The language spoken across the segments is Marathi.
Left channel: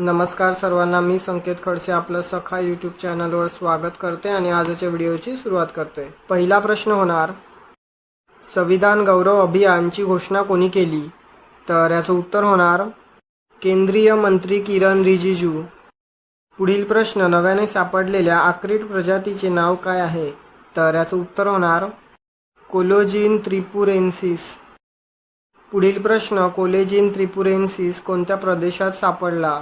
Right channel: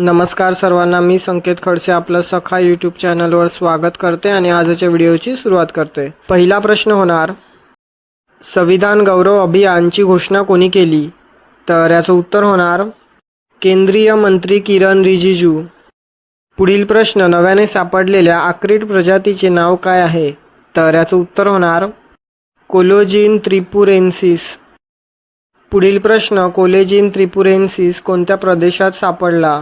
नमस्कार सर्वांना, मी संकेत खडसे आपलं सखा यूट्यूब चॅनलवर स्वागत करते आणि आजच्या व्हिडिओची सुरुवात करते। पहिला प्रश्न होणार, संविधान गौरव अभियानची घोषणा कोणी केली? तर याचं उत्तर होणार केंद्रीय मंत्री किरण रिजिजू। पुढील प्रश्न, नव्याने सापडलेल्या आक्रिड प्रजातीचे नाव काय आहे? तर याचं उत्तर होणार कोलेजिन त्रिपुरेन्सिस। पुढील प्रश्न, कोलेजिन त्रिपुरेन्सिस कोणत्या प्रदेशात सापडला?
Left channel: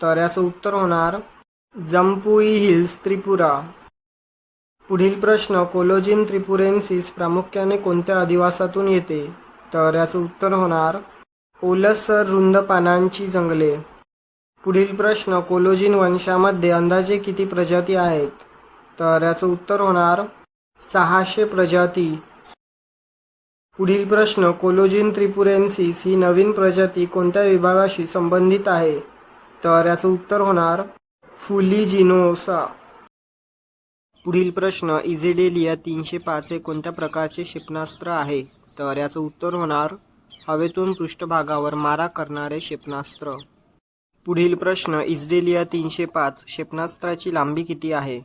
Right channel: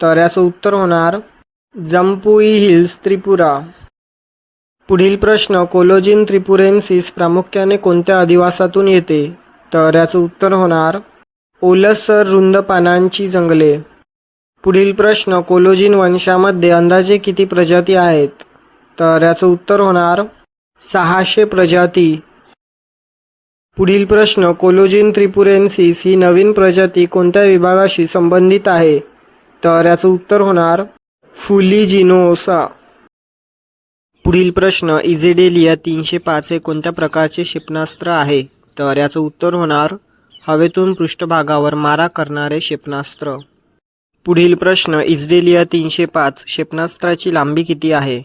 तर याचं उत्तर होणार जम्पुई हिल्स, त्रिपुरा। पुढील प्रश्न, कोलेजिन त्रिपुरेन्सिस प्रामुख्याने कोणत्या अधिवासातून येते? तर याचं उत्तर होणार ओलसर रुंद पानांची जंगले। पुढील प्रश्न, कोलेजिन वंशामध्ये अंदाजे किती प्रजाती आहेत? तर याचं उत्तर होणार 600 प्रजाती। पुढील प्रश्न, कोलेजिन त्रिपुरेन्सिस ही नवीन प्रजाती कोणत्या विभागाशी संबंधित आहे? तर याचं उत्तर होणार फुलिजिनोसा। पुढील प्रश्न, इझेडेलिया 305 हे कोणत्या प्रकारचे क्षेपणास्त्र आहे? तर याचं उत्तर होणार हवेतून पृष्ठभागावर मारा करणारे क्षेपणास्त्र। पुढील प्रश्न, इझेडेलिया 305 क्षेपणास्त्राची लांबी किती आहे?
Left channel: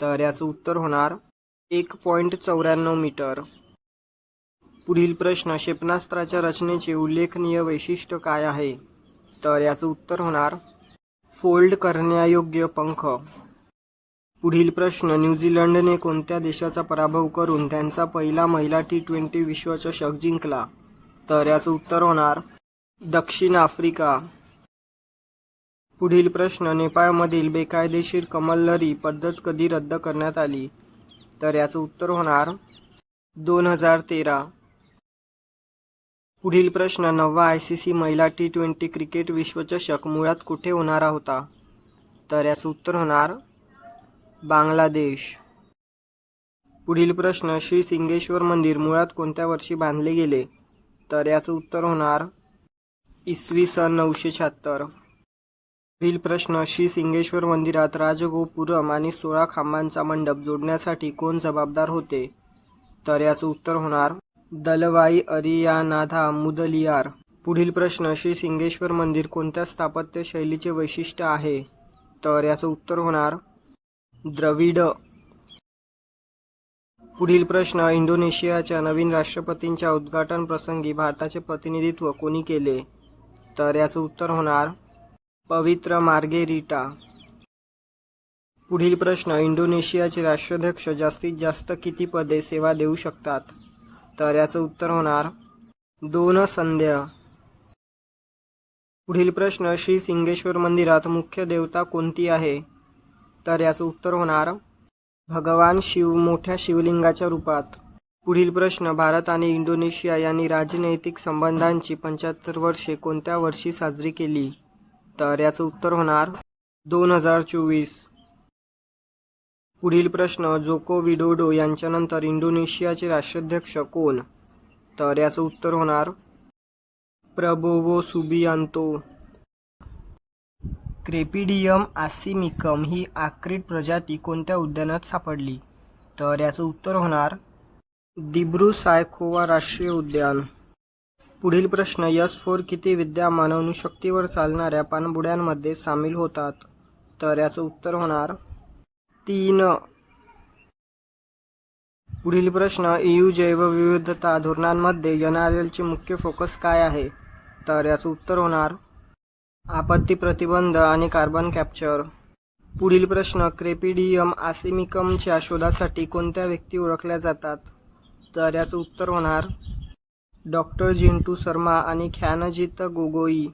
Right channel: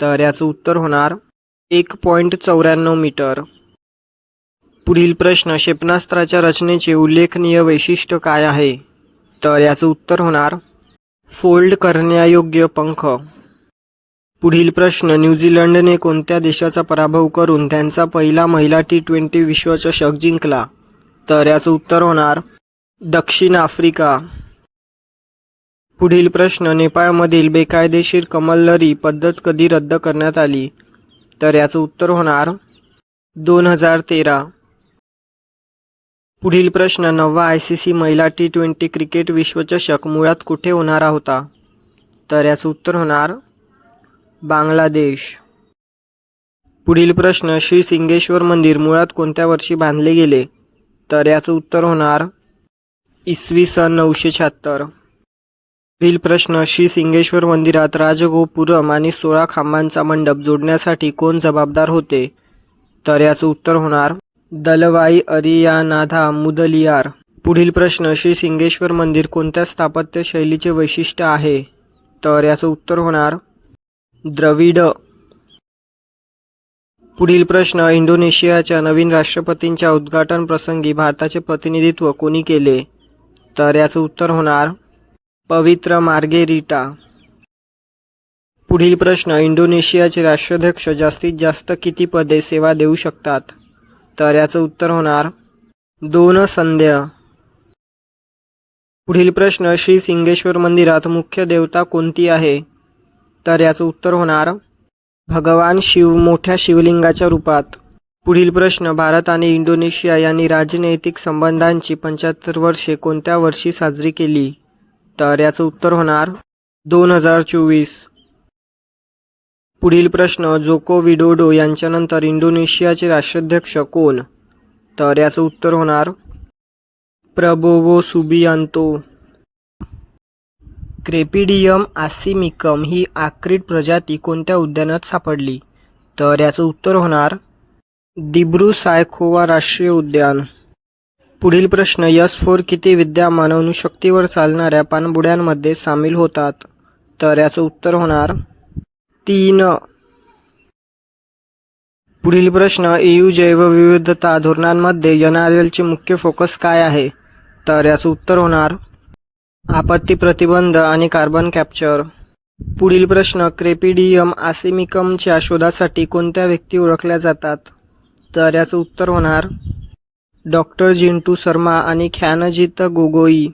तर याचं उत्तर होणार 1.94 मीटर। पुढील प्रश्न, क्षेपणास्त्राच्या रचनेचे उल्लेखनीय वैशिष्ट्य काय आहे? तर याचं उत्तर होणार फोल्ड करण्यायोग्य पंख। पुढील प्रश्न, न्यूझीलंडने कोणत्या देशाचा पराभव करून त्यांचा पहिला महिला T20 विश्वचषक जिंकला? तर याचं उत्तर होणार दक्षिण आफ्रिका। पुढील प्रश्न, नेपाळमधील बेकायदेशीर कमलरी पद्धत कधी रद्द करण्यात आली? तर याचं उत्तर होणार 2013। पुढील प्रश्न, 9वा ICC महिला T20 क्रिकेट विश्वचषक मुळात कुठे होणार होता? तर याचं उत्तर होणार बांगलादेश। पुढील प्रश्न, श्री सिंगेश्वर मंदिर मुळात कोणत्या वर्षी बांधले गेले? तर याचं उत्तर होणार इसवी सन 976। पुढील प्रश्न, श्री सिंगेश्वर मंदिरात राजगोपुरम आणि 16 खांबांचा मंडप जोडण्यासाठी कोण जबाबदार होते? तर याचं उत्तर होणार दलवाई अरियानाथा मुदलियार। पुढील प्रश्न, श्री सिंगेश्वर मंदिर कोणत्या स्थापत्य शैलीचे वैशिष्ट्य आहे? तर याचं उत्तर होणार द्रविड। पुढील प्रश्न, इंडोनेशियाच्या नवीन राष्ट्रपतींच्या उद्घाटन प्रसंगी भारताचे प्रतिनिधित्व कोणी केले? तर याचं उत्तर होणार पवित्र मार्गेरिटा। पुढील प्रश्न, इंडोनेशियाचे राष्ट्राध्यक्ष जास्तीत जास्त किती पदे सेवा देऊ शकतात? तर याचं उत्तर होणार 2 संध्या। पुढील प्रश्न, श्री सिंगेश्वर मंदिरात मुख्य देवता कोणती आहे? तर याचं उत्तर होणार भगवान शिव मोठ्या शिवलिंगाच्या रूपात। पुढील प्रश्न, भारत आणि इंडोनेशिया यांनी राजनैतिक संबंधांची 75 वर्षे कोणत्या वर्षी साजरी केली? तर याचं उत्तर होणार 2024। पुढील प्रश्न, जोको विडोडो यांच्यानंतर इंडोनेशियाचे राष्ट्राध्यक्ष कोण? तर याचं उत्तर होणार प्रबोवो सुबियांतो। क्रेपिडियम आसिमिकम ही आक्रिड प्रजाती कोणत्या उद्यानात सापडली? तर याचं उत्तर होणार दिब्रू सायखोवा राष्ट्रीय उद्यान। पुढील प्रश्न, S4 किती विद्यमान अणुशक्तीवर चालणाऱ्या पाणबुड्यांमध्ये सामील होतात? तर याचं उत्तर होणार 3। पुढील प्रश्न, EU जैवविविधता धोरणांमध्ये NRLचे मुख्य फोकस काय आहे? तर याचं उत्तर होणार आपत्ती प्रतिबंध आणि कार्बन कॅप्चर। पुढील प्रश्न, क्रेपिडियम आसिमिकमच्या शोधासाठी कोणत्या व्यक्ती ओळखल्या जातात? तर याचं उत्तर होणार डॉक्टर जिंटू शर्मा आणि ख्यानजित गोगोई।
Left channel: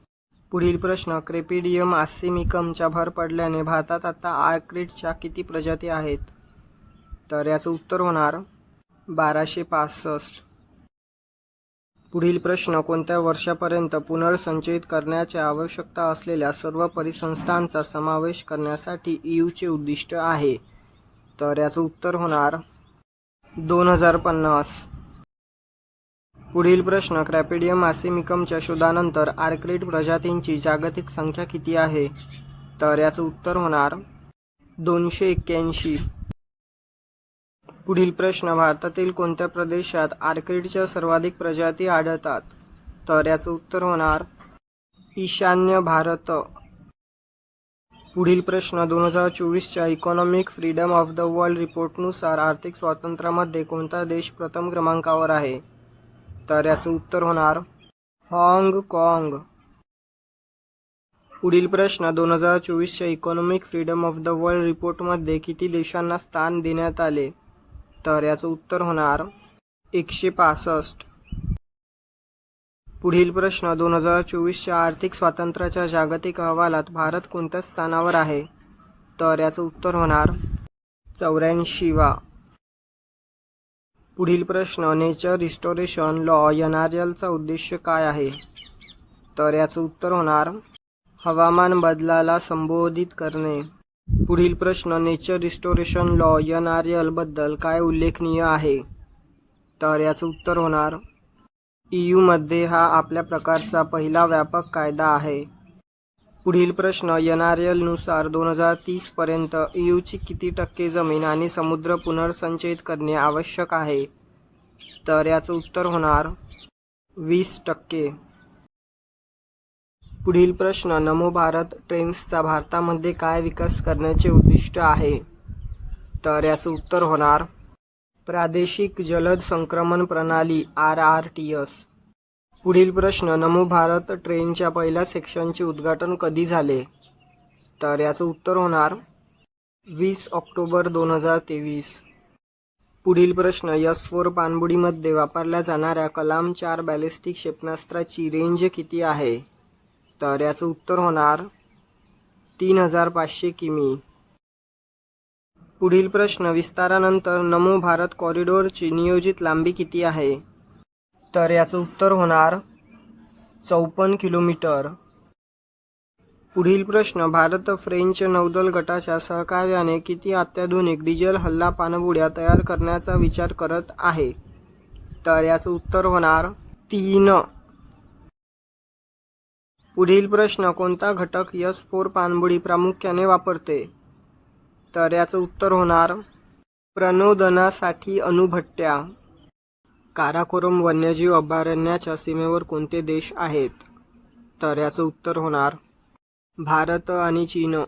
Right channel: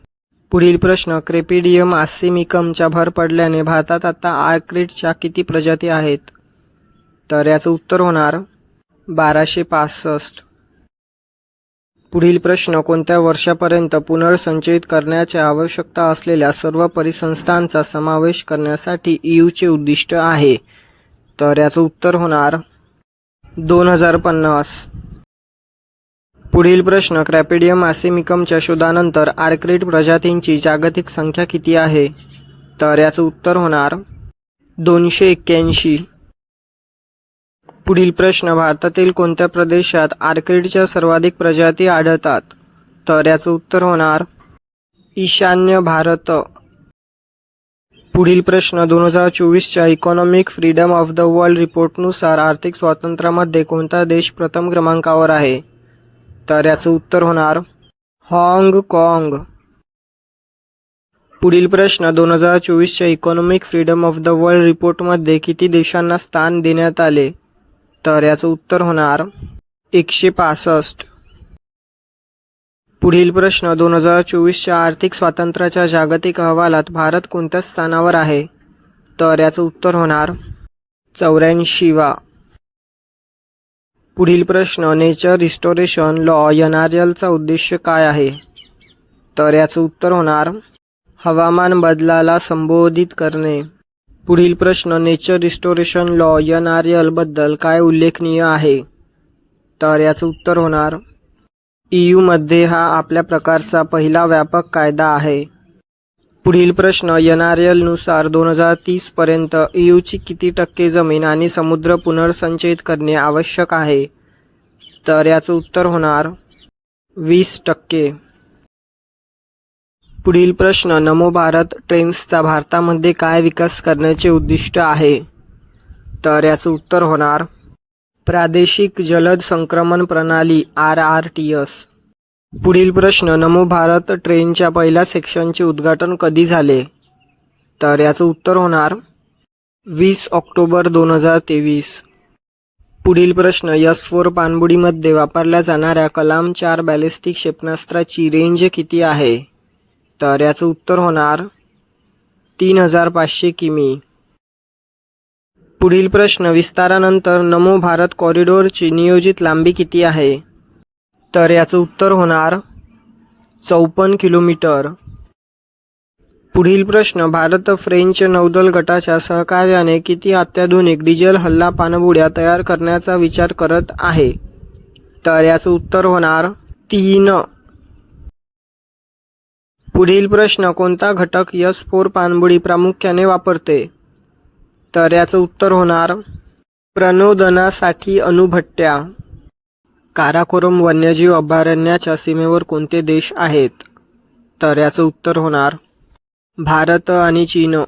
पुढील प्रश्न, क्रेपिडियम आसिमिकमच्या भर पडल्याने भारतात आता आर्क्रिडच्या किती प्रजाती आहेत? तर याचं उत्तर होणार 1265। पुढील प्रश्न, कोणत्या वर्षापर्यंत पुनर्संचयित करण्याची आवश्यकता असलेल्या सर्व परिसंस्थांचा समावेश करण्यासाठी EUचे उद्दिष्ट आहे? तर याचं उत्तर होणार 2050। पुढील प्रश्न, क्रेपिडियम आसिमिकमच्या शोधानंतर आर्क्रिड प्रजातींची जागतिक संख्या किती आहे? तर याचं उत्तर होणार 281। पुढील प्रश्न, भारतातील कोणत्या प्रदेशात आर्किडच्या सर्वाधिक प्रजाती आढळतात? तर याचं उत्तर होणार ईशान्य भारत। पुढील प्रश्न 2024च्या economic freedom of the world रिपोर्टनुसार आर्थिक स्वातंत्र्यामध्ये कोणता देश प्रथम क्रमांकावर आहे? तर याचं उत्तर होणार हाँगकाँग. पुढील प्रश्न 2024च्या economic freedom of the world रिपोर्टमध्ये किती देशांना स्थान देण्यात आले? तर याचं उत्तर होणार 165. पुढील प्रश्न 2024च्या आर्थिक स्वातंत्र्याच्या जागतिक अहवालात भारत कोणत्या स्थानावर आहे? तर याचं उत्तर होणार 84वा. पुढील प्रश्न नेचर रिस्टोरेशन लॉ NRLचा उद्देश काय आहे? तर याचं उत्तर होणार हवामान बदलाला संबोधित करणे. पुढील प्रश्न नेचर रिस्टोरेशन लॉ NRL बद्दल काय उल्लेखनीय आहे? तर याचं उत्तर होणार EU मध्ये हा आपल्या प्रकारचा पहिला व्यापक कायदा आहे. पुढील प्रश्न NRL नुसार 2030 पर्यंत EUची किती टक्के जमीन आणि समुद्र पुनर्संचयित करणे आवश्यक आहे? तर याचं उत्तर होणार 20%. पुढील प्रश्न नमो भारत ट्रेन्सचा भारतामध्ये काय विकास करण्याचे उद्दिष्ट आहे? तर याचं उत्तर होणार प्रादेशिक जलद संक्रमण प्रणाली RRTS. पुढील प्रश्न नमो भारत ट्रेनच्या पहिल्या सेक्शनचे उद्घाटन कधी झाले? तर याचं उत्तर होणार 20 ऑक्टोबर 2023. पुढील प्रश्न S-4 पाणबुडीमध्ये वापरल्या जाणाऱ्या कलाम 4 बॅलिस्टिक क्षेपणास्त्राची रेंज किती आहे? तर याचं उत्तर होणार 3500 किमी. पुढील प्रश्न विस्तारानंतर नमो भारत कॉरिडॉरची नियोजित लांबी किती आहे? तर याचं उत्तर होणार 54 किलोमीटर. पुढील प्रश्न भारत फ्रेंच नौदल गटाच्या सहकार्याने किती अत्याधुनिक डिझेल हल्ला पाणबुड्या तयार करण्याचा विचार करत आहे? तर याचं उत्तर होणार 3. पुढील प्रश्न कोणता घटक S-4 पाणबुडी प्रामुख्याने वापरते? तर याचं उत्तर होणार प्रणोदनासाठी अणुभट्ट्या. काराकोरम वन्यजीव अभयारण्याच्या सीमेवर कोणते देश आहेत? तर याचं उत्तर होणार भारत आणि चीन.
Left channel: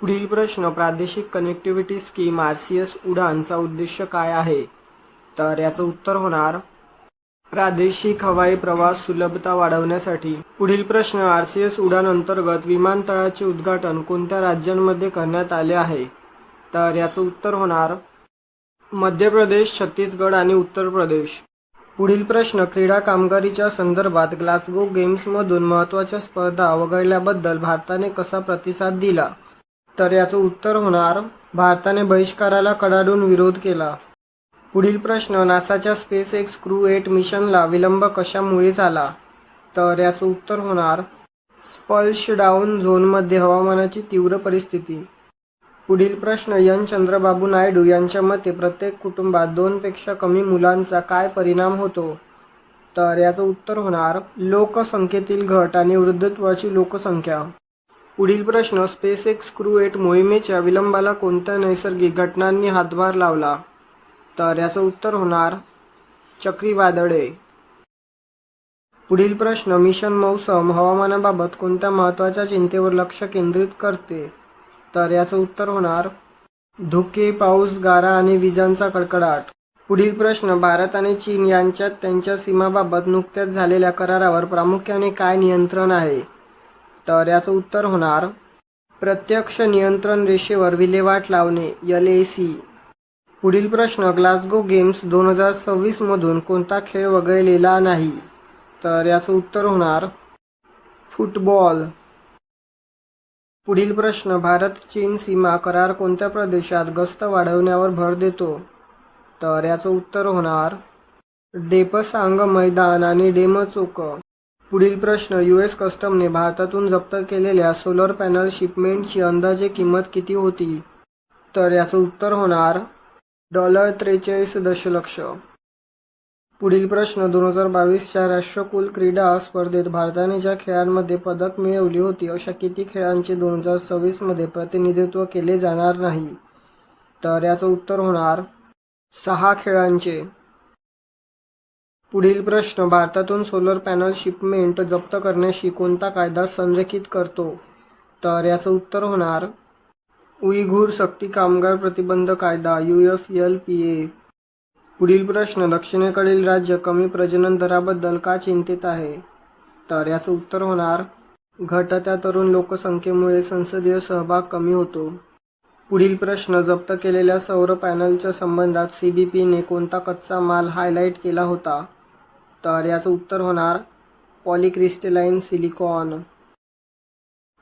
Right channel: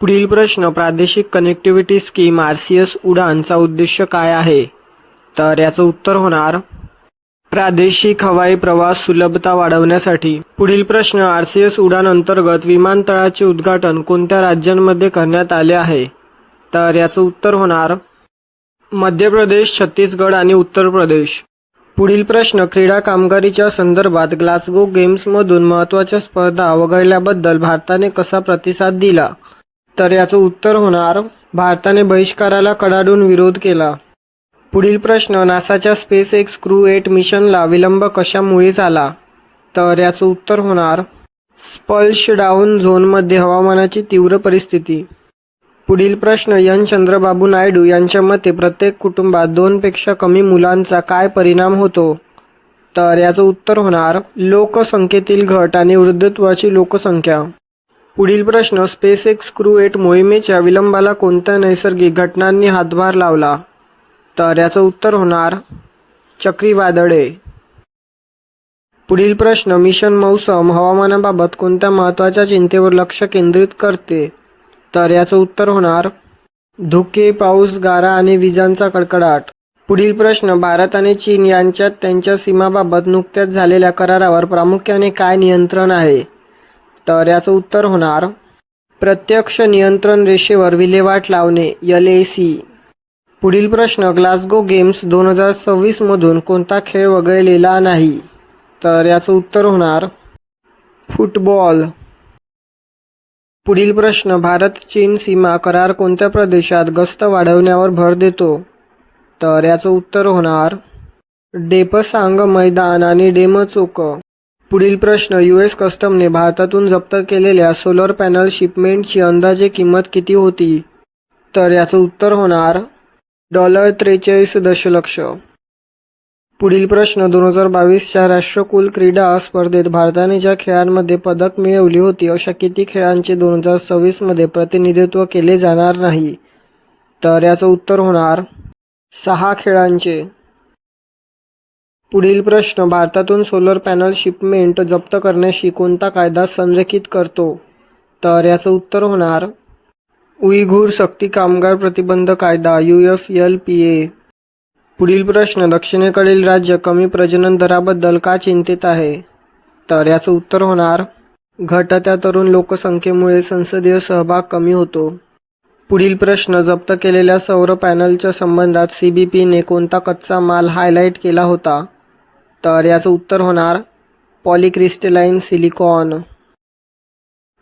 पुढील प्रश्न प्रादेशिक कनेक्टिव्हिटी स्कीम RCS उडानचा उद्देश काय आहे? तर याचं उत्तर होणार प्रादेशिक हवाई प्रवास सुलभता वाढवण्यासाठी. पुढील प्रश्न RCS उडान अंतर्गत विमानतळाचे उद्घाटन कोणत्या राज्यांमध्ये करण्यात आले आहे? तर याचं उत्तर होणार मध्य प्रदेश, छत्तीसगड आणि उत्तर प्रदेश. पुढील प्रश्न क्रीडा कामगिरीच्या संदर्भात ग्लासगो गेम्समधून महत्त्वाच्या स्पर्धा वगळल्याबद्दल भारताने कसा प्रतिसाद दिला? तर याचं उत्तर होणार भारताने बहिष्काराला कडाडून विरोध केला. पुढील प्रश्न नासाच्या SpaceX क्रू 8 मिशनला विलंब कशामुळे झाला? तर याचं उत्तर होणार स्प्लॅशडाऊन झोनमध्ये हवामानाची तीव्र परिस्थिती. पुढील प्रश्न चंद्रबाबू नायडू यांच्या मते प्रत्येक कुटुंबात 2 पेक्षा कमी मुलांचा काय परिणाम होतो? तर याचं उत्तर होणार लोकसंख्येतील घट आणि वृद्धत्वाची लोकसंख्या. पुढील प्रश्न SpaceX क्रू 8 मोहिमेच्या विलंबाला कोणत्या नैसर्गिक घटनांनी हातभार लावला? तर याचं उत्तर होणार चक्रीवादळे. पुढील प्रश्न मिशन मौसम हवामानाबाबत कोणत्या महत्त्वाच्या चिंतेवर लक्ष केंद्रित करते? तर याचं उत्तर होणार धुके, पाऊस, गारा आणि विजांचा कडकडाट. पुढील प्रश्न भारत आणि चीन यांच्यात त्यांच्या सीमाबाबत नुकत्याच झालेल्या करारावर प्रामुख्याने काय नियंत्रण आहे? तर याचं उत्तर होणार प्रत्यक्ष नियंत्रण रेषेवर विल्हेवाट लावणे LAC. पुढील प्रश्न ग्लासगो गेम्स 2026 मधून कोणता खेळ वगळलेला नाही? तर याचं उत्तर होणार फुटबॉल. पुढील प्रश्न भारत चीन सीमा करार कोणत्या प्रदेशात गस्त वाढवण्यावर भर देतो? तर याचं उत्तर होणार डेपसांग मैदान आणि डेमचोक. पुढील प्रश्न US कस्टमने भारतातून जप्त केलेल्या सोलर पॅनल शिपमेंटची अंदाजे किंमत किती होती? तर याचं उत्तर होणार $43 दशलक्ष. पुढील प्रश्न 2022च्या राष्ट्रकुल क्रीडा स्पर्धेत भारताने ज्या खेळांमध्ये पदक मिळवली होती अशा किती खेळांचे 2026 मध्ये प्रतिनिधित्व केले जाणार नाही? तर याचं उत्तर होणार 6 खेळांचे. पुढील प्रश्न भारतातून सोलर पॅनल शिपमेंट जप्त करण्याशी कोणता कायदा संरेखित करतो? तर याचं उत्तर होणार उईघुर सक्ती कामगार प्रतिबंध कायदा UFLPA. पुढील प्रश्न, दक्षिणेकडील राज्य कमी प्रजनन दराबद्दल का चिंतित आहे? तर याचं उत्तर होणार घटत्या तरुण लोकसंख्येमुळे संसदीय सहभाग कमी होतो. पुढील प्रश्न, जप्त केलेल्या सौर पॅनलच्या संबंधात CBPने कोणता कच्चा माल हायलाईट केला होता? तर याचं उत्तर होणार पॉलिक्रिस्टलाइन सिलिकॉन.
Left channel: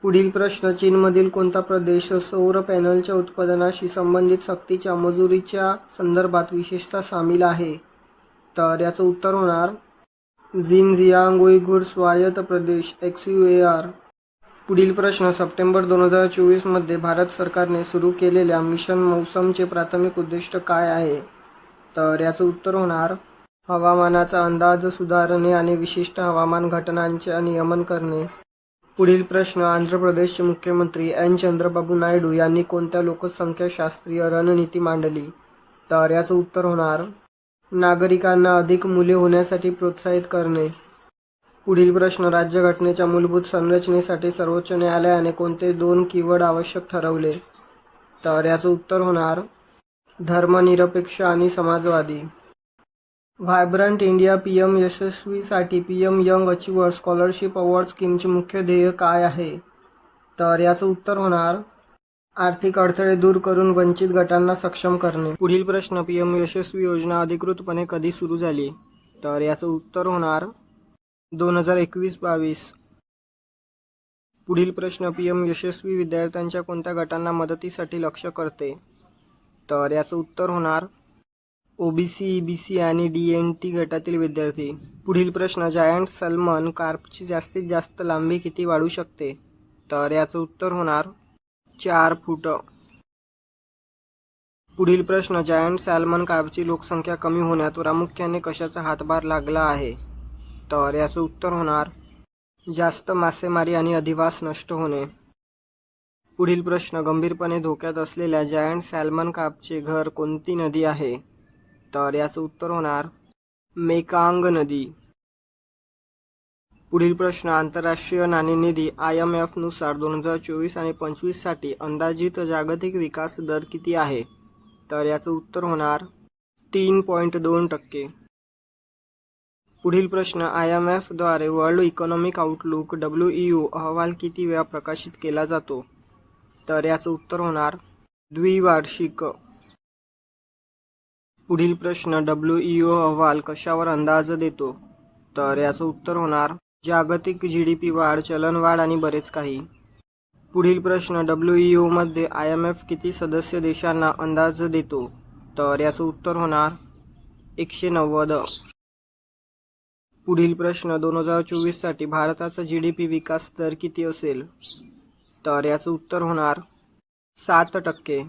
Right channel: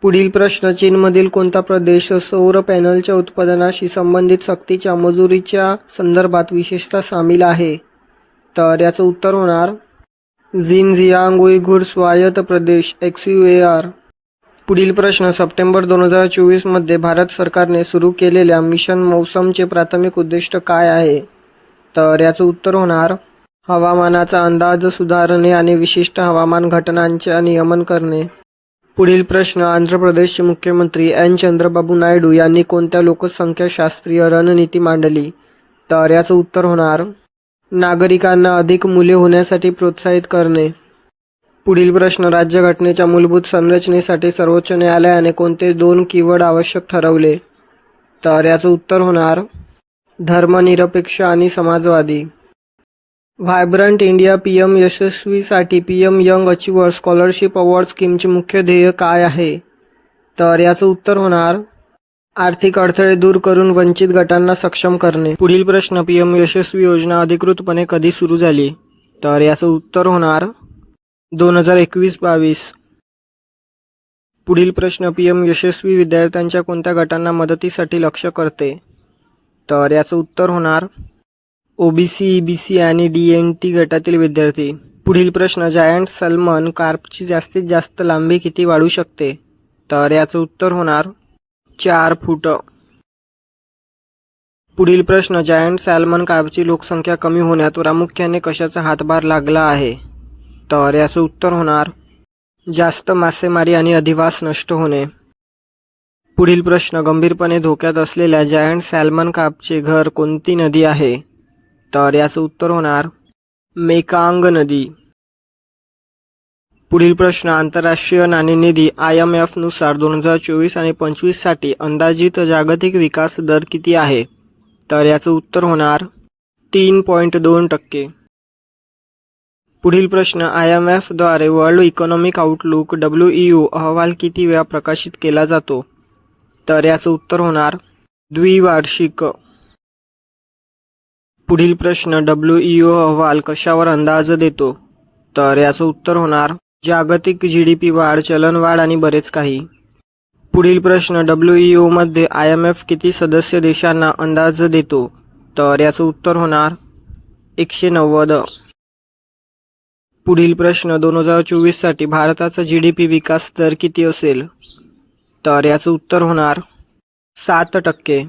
पुढील प्रश्न, चीनमधील कोणता प्रदेश सौर पॅनलच्या उत्पादनाशी संबंधित सक्तीच्या मजुरीच्या संदर्भात विशेषतः सामील आहे? तर याचं उत्तर होणार झिनजियांग उईघुर स्वायत्त प्रदेश XUAR. पुढील प्रश्न, सप्टेंबर 2024 मध्ये भारत सरकारने सुरू केलेल्या मिशन मौसमचे प्राथमिक उद्दिष्ट काय आहे? तर याचं उत्तर होणार हवामानाचा अंदाज सुधारणे आणि विशिष्ट हवामान घटनांचे नियमन करणे. पुढील प्रश्न, आंध्र प्रदेशचे मुख्यमंत्री N. चंद्रबाबू नायडू यांनी कोणत्या लोकसंख्याशास्त्रीय रणनीती मांडली? तर याचं उत्तर होणार नागरिकांना अधिक मुले होण्यासाठी प्रोत्साहित करणे. पुढील प्रश्न, राज्यघटनेच्या मूलभूत संरचनेसाठी सर्वोच्च न्यायालयाने कोणते 2 कीवर्ड आवश्यक ठरवले? तर याचं उत्तर होणार धर्मनिरपेक्ष आणि समाजवादी. व्हायब्रंट इंडिया PM यशस्वीसाठी PM young achiever scholarship award स्कीमचे मुख्य ध्येय काय आहे? तर याचं उत्तर होणार आर्थिक अडथळे दूर करून वंचित गटांना सक्षम करणे. पुढील प्रश्न, PM यशस्वी योजना अधिकृतपणे कधी सुरू झाली? तर याचं उत्तर होणार 2021-22. पुढील प्रश्न, PM यशस्वी विद्यार्थ्यांच्या कोणत्या गटांना मदतीसाठी लक्ष्य करते? तर याचं उत्तर होणार OBC, EBC आणि DNT गटातील विद्यार्थी. पुढील प्रश्न, जायंट सॅल्मन कार्पची जास्तीत जास्त लांबी किती वाढू शकते? तर याचं उत्तर होणार 4 फूट. पुढील प्रश्न, जायंट सॅल्मन कार्पची लोकसंख्या कमी होण्यात प्रामुख्याने कशाचा हातभार लागला आहे? तर याचं उत्तर होणार जास्त मासेमारी आणि अधिवास नष्ट होणे. पुढील प्रश्न, गंभीरपणे धोक्यात असलेल्या जायंट सॅल्मन कार्पचे घर कोणती नदी आहे? तर याचं उत्तर होणार मेकांग नदी. पुढील प्रश्न, आंतरराष्ट्रीय नाणेनिधी IMF नुसार 2024 आणि 25 साठी अंदाजित जागतिक विकास दर किती आहे? तर याचं उत्तर होणार 3.2%. पुढील प्रश्न, IMF द्वारे वर्ल्ड इकॉनॉमिक आउटलुक WEO अहवाल किती वेळा प्रकाशित केला जातो? तर याचं उत्तर होणार द्विवार्षिक. पुढील प्रश्न, WEO अहवाल कशावर अंदाज देतो? तर याचं उत्तर होणार जागतिक GDP वाढ, चलनवाढ आणि बरेच काही. पुढील प्रश्न, WEO मध्ये IMF किती सदस्य देशांना अंदाज देतो? तर याचं उत्तर होणार 190. पुढील प्रश्न, 2024 साठी भारताचा GDP विकास दर किती असेल? तर याचं उत्तर होणार 7%.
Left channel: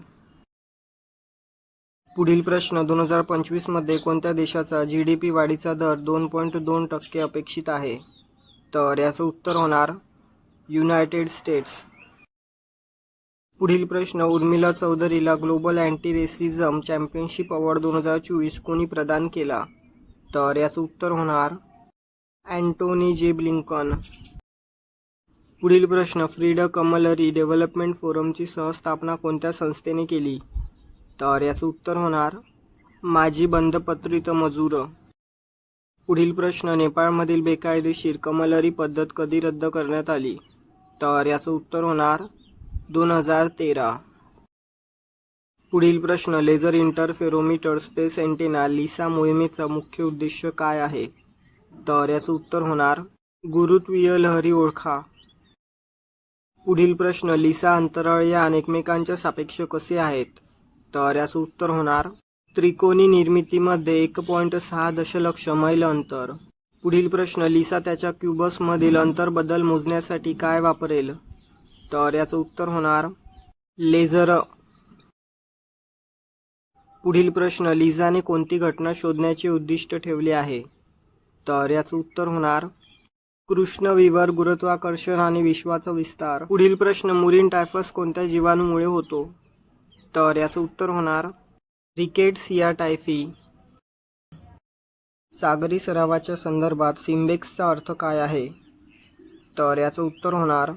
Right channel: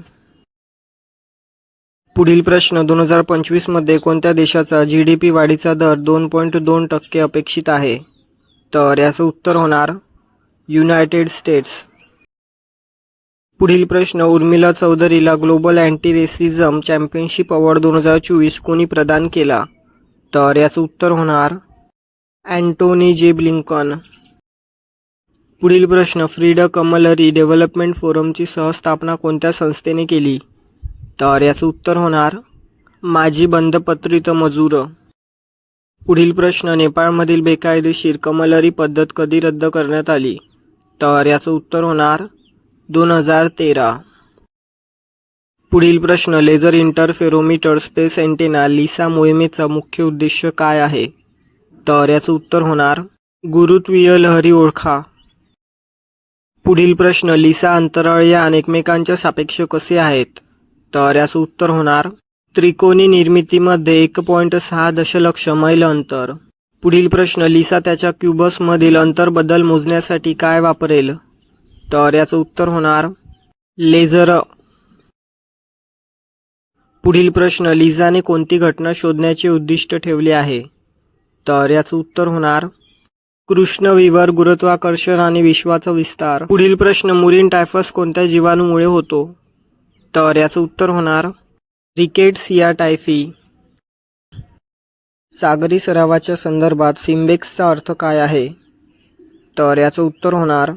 पुढील प्रश्न, 2025 मध्ये कोणत्या देशाचा GDP वाढीचा दर 2.2% अपेक्षित आहे? तर याचं उत्तर होणार युनायटेड स्टेट्स. पुढील प्रश्न, उर्मिला चौधरीला global anti racism championship award 2024 कोणी प्रदान केला? तर याचं उत्तर होणार अँटोनी J. ब्लिंकन. पुढील प्रश्न, फ्रीडा कमलरी डेव्हलपमेंट फोरमची सहस्थापना कोणत्या संस्थेने केली? तर याचं उत्तर होणार माजी बंधपत्रित मजूर. पुढील प्रश्न, नेपाळमधील बेकायदेशीर कमलरी पद्धत कधी रद्द करण्यात आली? तर याचं उत्तर होणार 2013. पुढील प्रश्न, laser interferometer space antenna Lisa मोहिमेचा मुख्य उद्देश काय आहे? तर याचं उत्तर होणार गुरुत्वीय लहरी ओळखा. पुढील प्रश्न, लिसा अंतराळयान एकमेकांच्या सापेक्ष कसे आहेत? तर याचं उत्तर होणार त्रिकोणी निर्मितीमध्ये 1.6 दशलक्ष मैल अंतर. पुढील प्रश्न, लिसा त्याच्या क्यूबसमधील अंतरबद्दल मोजण्यासाठी काय वापरेल? तर याचं उत्तर होणार लेझर. पुढील प्रश्न, लिझाने कोणती घटना शोधण्याचे उद्दिष्ट ठेवले आहे? तर याचं उत्तर होणार कृष्णविवर गुरुत्वाकर्षण आणि विश्वाचा विस्तार. पुढील प्रश्न, मुरीन टायफस कोणत्या जीवाणूमुळे होतो? तर याचं उत्तर होणार रिकेट्सिया टायफी. सागरी सरावाच्या संदर्भात सिम्बेक्सचा अर्थ काय आहे? तर याचं उत्तर होणार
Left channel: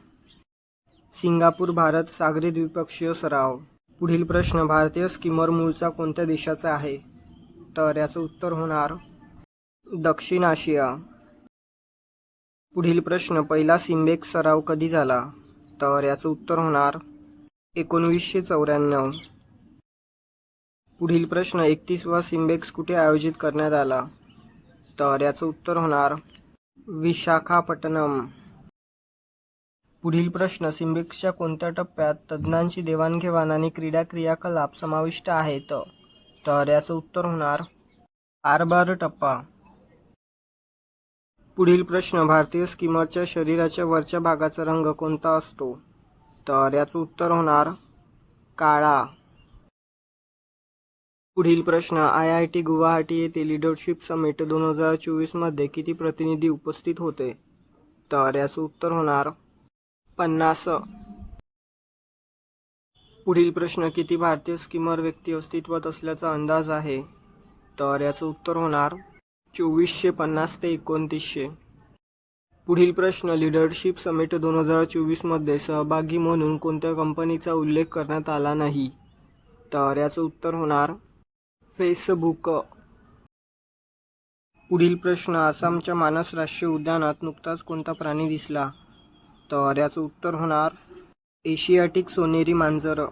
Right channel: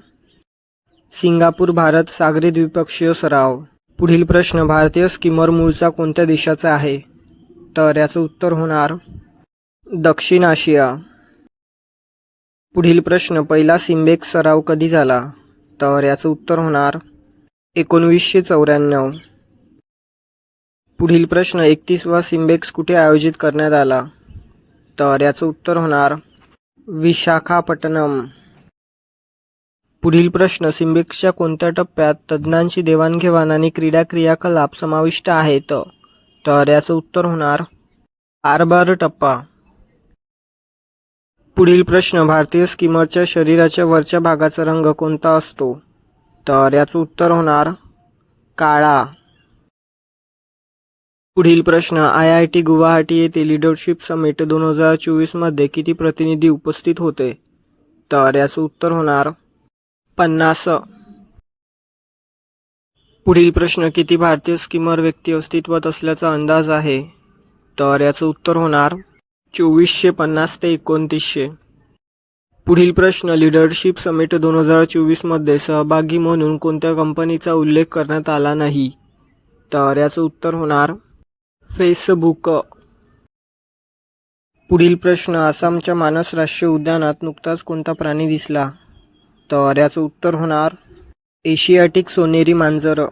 सिंगापूर भारत सागरी द्विपक्षीय सराव. पुढील प्रश्न, भारतीय स्कीमर मूळचा कोणत्या देशाचा आहे? तर याचं उत्तर होणार दक्षिण आशिया. पुढील प्रश्न, पहिला सिम्बेक्स सराव कधी झाला? तर याचं उत्तर होणार 1994. पुढील प्रश्न, 31वा सिम्बेक्स कुठे आयोजित करण्यात आला? तर याचं उत्तर होणार विशाखापट्टणम. पुढील प्रश्न, सिम्बेक्सच्या कोणत्या टप्प्यात तज्ज्ञांची देवाणघेवाण आणि क्रीडा क्रियाकलाप समाविष्ट आहेत? तर याचं उत्तर होणार हार्बर टप्पा. पुढील प्रश्न, भारतीय स्कीमरच्या शरीराच्या वरच्या भागाचा रंग कोणता असतो? तर याचं उत्तर होणार काळा. पुढील प्रश्न, IIT गुवाहाटी येथे लीडरशिप समिट 2024 मध्ये किती प्रतिनिधी उपस्थित होते? तर याचं उत्तर होणार 50. पुढील प्रश्न, किती भारतीय स्कीमर व्यक्ती अस्तित्वात असल्याचा अंदाज आहे? तर याचं उत्तर होणार 2450 ते 2900. पुढील प्रश्न, लीडरशिप समिट 2024 मध्ये सहभागी म्हणून कोणत्या कंपनीचा उल्लेख करण्यात आला नाही? तर याचं उत्तर होणार फेसबुक. पुढील प्रश्न, आसामच्या मानस राष्ट्रीय उद्यानात नुकताच कोणता प्राणी दिसला? तर याचं उत्तर होणार एशियाटिक सोनेरी मांजर.